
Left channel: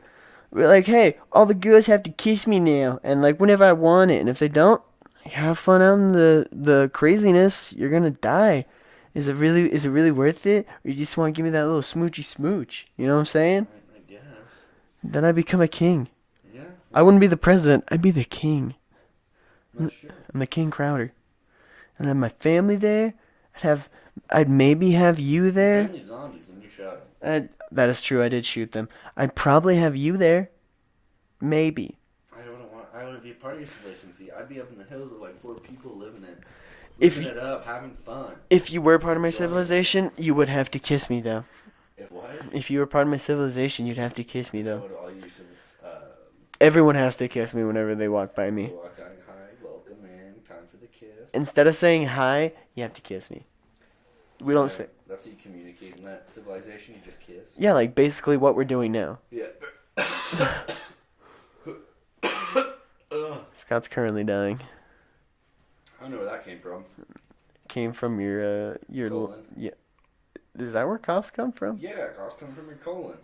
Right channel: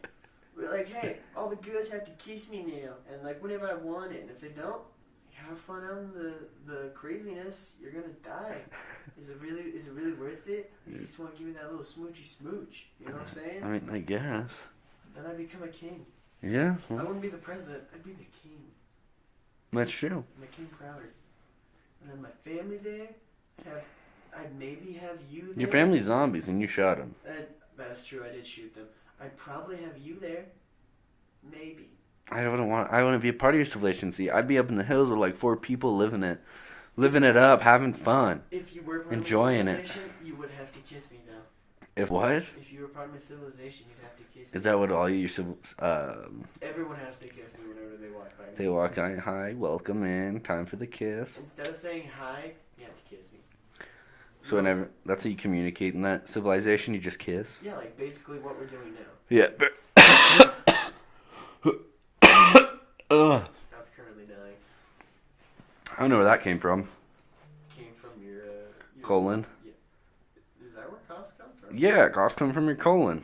We're like, hey, all the girls have to kiss me now, and like whenever I want it, and if they don't, have fun out in the craziness. You're gonna die. Is it really worth it, or you just want to give me that little smoochy smooch? You know what I'm saying? I mean, I guess. Then I become a king. Yeah, I wouldn't be the president. I'd be the king. that's true. I'm the King Crowder, and have my family there. I'd maybe have you Your there. family's zombies and you shot them. That is true. I did shoot them. I'd probably have you there. Maybe. I wouldn't be a part of your civilization. See, I'd be up in the hills with like 4 people living it up, having fun. If you were part of my Enjoying it. civilization, you would have to kiss me though. If what? If you were part of my civilization, you'd have to kiss me. Is that now. what all your Everyone has to kiss me whenever they walk by they me. walk on? Hi, welcome in. Time for the kiss. Instead of saying hi, you have to kiss me. We don't say, That's how you communicate in that civilization. You just kiss. yeah, like basically what we're doing now. Yeah. Scott's currently dying. I don't know where that came from. Came from your Colon. Yeah. Is that where coughs come from? Yeah, coughs come from your colon.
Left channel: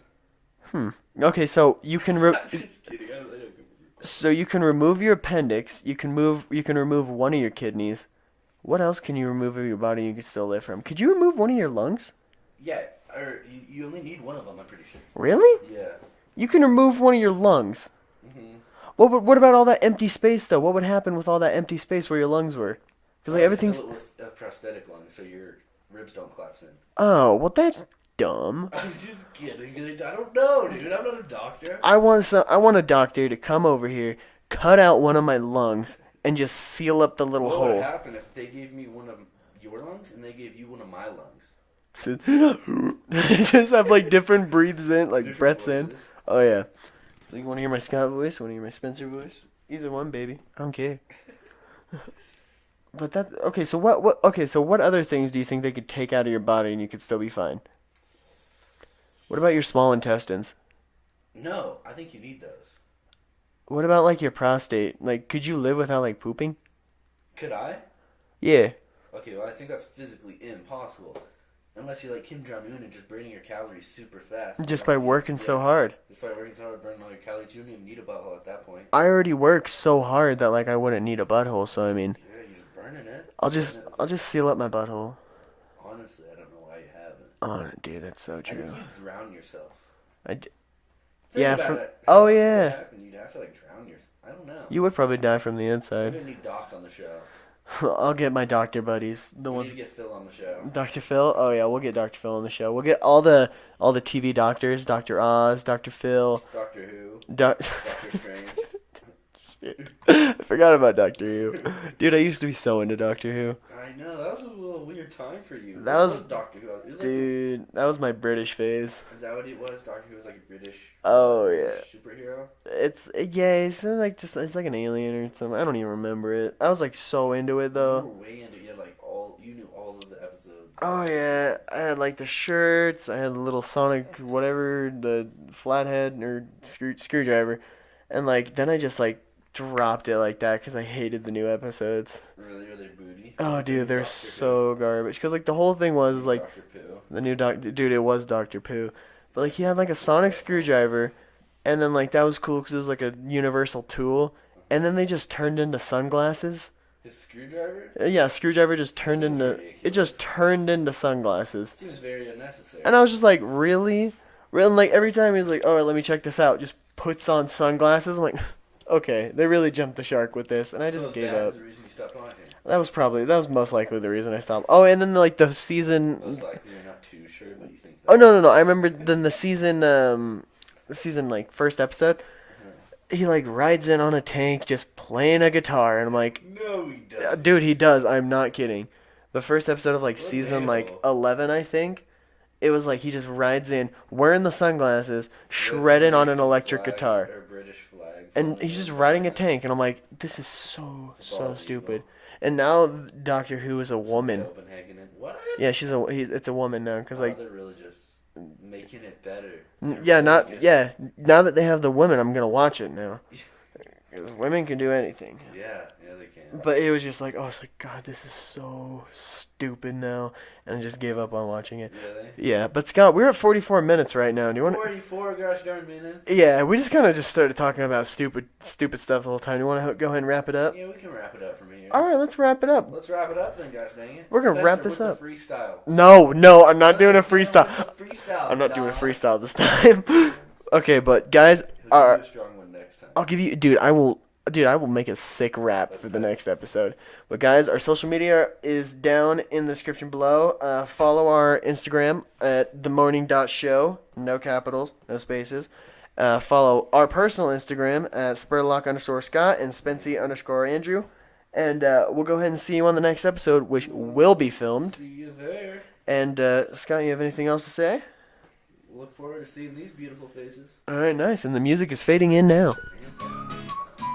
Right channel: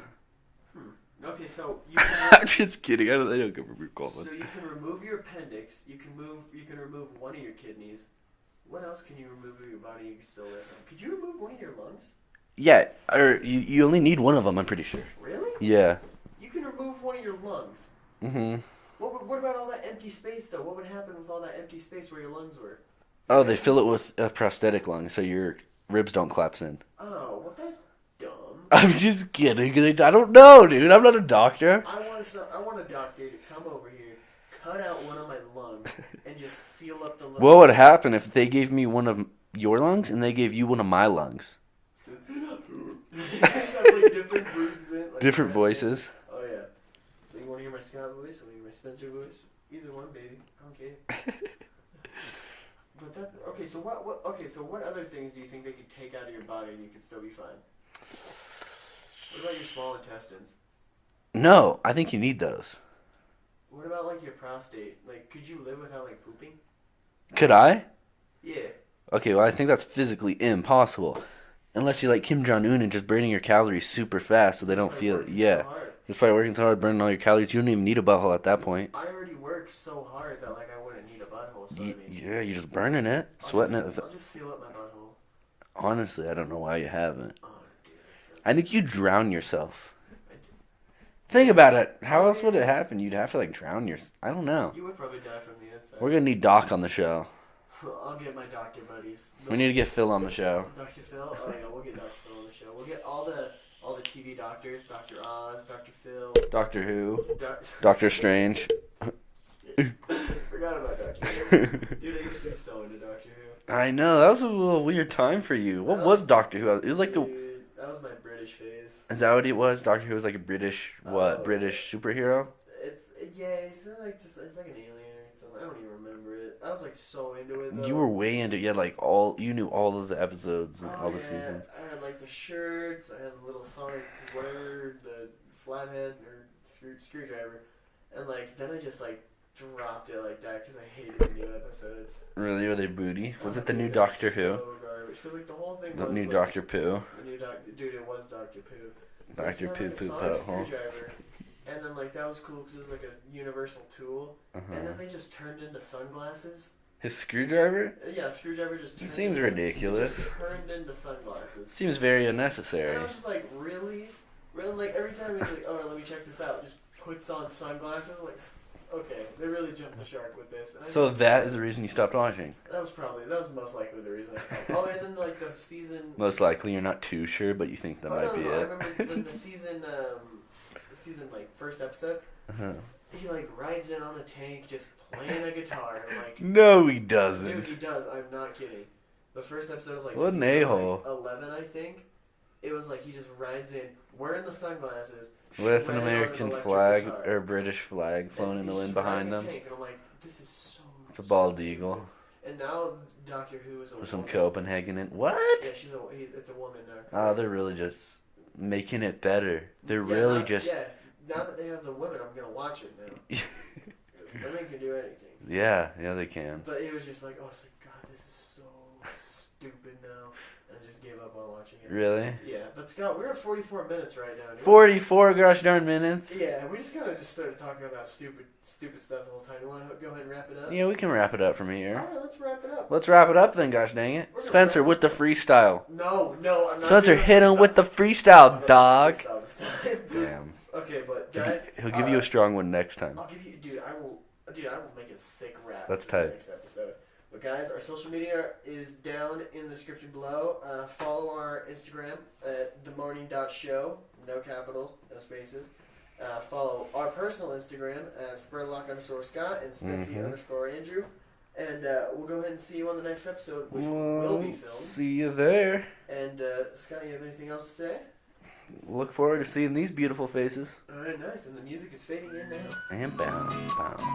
Okay, so you can. I'm just kidding. They don't come from your colon. So you can remove your appendix. You can remove one of your kidneys. What else can you remove of your body you can still live from? Could you remove one of your lungs? Yeah, or you only need one of them. I'm pretty sure. Really? Yeah. You can remove one of your lungs. Mm-hmm. What about all that empty space though? What would happen with all that empty space where your lungs were? Oh, they fill it with a prosthetic lung so your ribs don't collapse in. Oh, well that's dumb. I'm just kidding. I don't know, dude. I'm not a doctor. I want a doctor to come over here, cut out one of my lungs, and just seal up the little. What would hole. happen if they gave me one of your lungs and they gave you one of my lungs? Just have like different breathes in, like Different breaths in. voices. Oh yeah. Like, you want to hear my Scott voice? Want to hear my Spencer voice? Either one, baby. I don't care. But that okay. So what? Okay. So what other things do you think they could take out of your body and you could still be fine? What about your small intestines? No, I think you need those. What about like your prostate? Like, could you live without like pooping? Could I? Yeah. Okay, well, I think that's physically impossible. Unless you're like Kim Jong-un and just burning your calories super fast. So Just by working so hard. Just by working so hard, burning all your calories. You don't even need a butthole at that point. I already work so hard that like I wouldn't need a butthole. So I mean, Yeah, you're just burning it. I'll sweating it. just seal up my butthole. Honestly, I don't know why you haven't. Oh, dude, that's so. I think you drown yourself. Think Yeah, about for- it. How oh, else would yeah. it happen? You'd have to like drown yourself. I don't know. You would probably die from the We're inside. gonna need Doc on the show. I'll get my doctor buddies. We need to get Phil on the show. Dr. Phil. Oh yeah, we'll get Dr. Phil on the show. We'll get all the TV doctors. Dr. Oz, Dr. Phil, Doctor Who. Doc. Doctor Strange. I forgot about Doctor Who. Dude, I used to be so into Doctor Who. I know that was a little weird time for you. That What was- was Doctor Who? It was like Dude, that was my British phase. Is that what it was? Doctor Who was like a British superhero? It's it's like an alien or something. I don't even remember it. I was like so into it though. You were way into it. You had like you knew all of the episodes. of Oh all the yeah, seasons. I had like the shirts. I had the little Sonic whatever, the flathead or screwdriver, and like then I just like dropped it like that because I hated the new episodes. Really? Were they booty? Was Oh it the dude, new they're Doctor so garbage. Because like the whole thing Who? was The new like Doctor Pooh. the new Doctor. Dude, it was Doctor Pooh, but like he Dr. had like Pooh a Sonic butthole. screwdriver, and then like that was cool because it was like a universal tool, and then they just turned into sunglasses. His screwdriver? Yeah, screwdriver just turned Seems into ridiculous. it just turned into sunglasses. Seems very unnecessary. And I was just like, really? And like every time he was like, oh, let me check this out, just puts on sunglasses. I'm like, okay, they really jumped the shark with this. And I just So gave that up. is the reason you stopped watching. That was most likely the reason I stopped. Oh, and then like the season. Most likely, you're not too sure, but you think that. Oh no! I remember then the season like first episode. Uh-huh. He like rides in on a tank just playing a guitar, and I'm like, No, he doesn't. dude, he does. I'm not kidding. The first episode of like What an season like a-hole. 11, I think. It was like he just rides in wearing the sunglasses, With shredded on an American electric flag guitar, or British flag, and floating he's in just the riding a wind behind tank, and I'm like, this is so It's a bald stupid. eagle. And now Doctor Who is a them. Some woman. Copenhagen. What? Yeah, it's a woman now because Oh, like they're really just making it better. They're yeah, really now that they have the women, I'm gonna watch it now. 'Cause women can do anything. Yeah, they can. But it was just like, oh, it's like, God, this is so stupid now, and I just gave up on watching it. Really? Yeah, but Scott, we're at 44 minutes right now. Do you want? 44 gosh darn minutes. Yeah, we just kind of just started talking about stupid stuff the whole time. Do you want to go ahead and wrap it up? Yeah, we can wrap it up from here. All right, let's wrap it up. Let's wrap it up then, gosh dang it. We're gonna wrap Spencer this with the up. freestyle. No, I'm not doing a hit him freestyle. with the freestyle, I'm not dog. doing a freestyle this time. Okay, but guys, He'll give you a strong one next time. I'll give you, dude. I will make a sick rap That's for the tight. next episode. But guys, our social media is down in the description below. Follow our Instagram at themorning.show. No capitals, no spaces. Follow our personal Instagram at spurlock_Scott and Spency_Andrew. And we'll go ahead and see you on the next episode, which will be filmed. See you there. And Scott, you have anything else to say? look forward to seeing these beautiful faces. All right, nice. And the music is fading in now. And bound, bound, bound.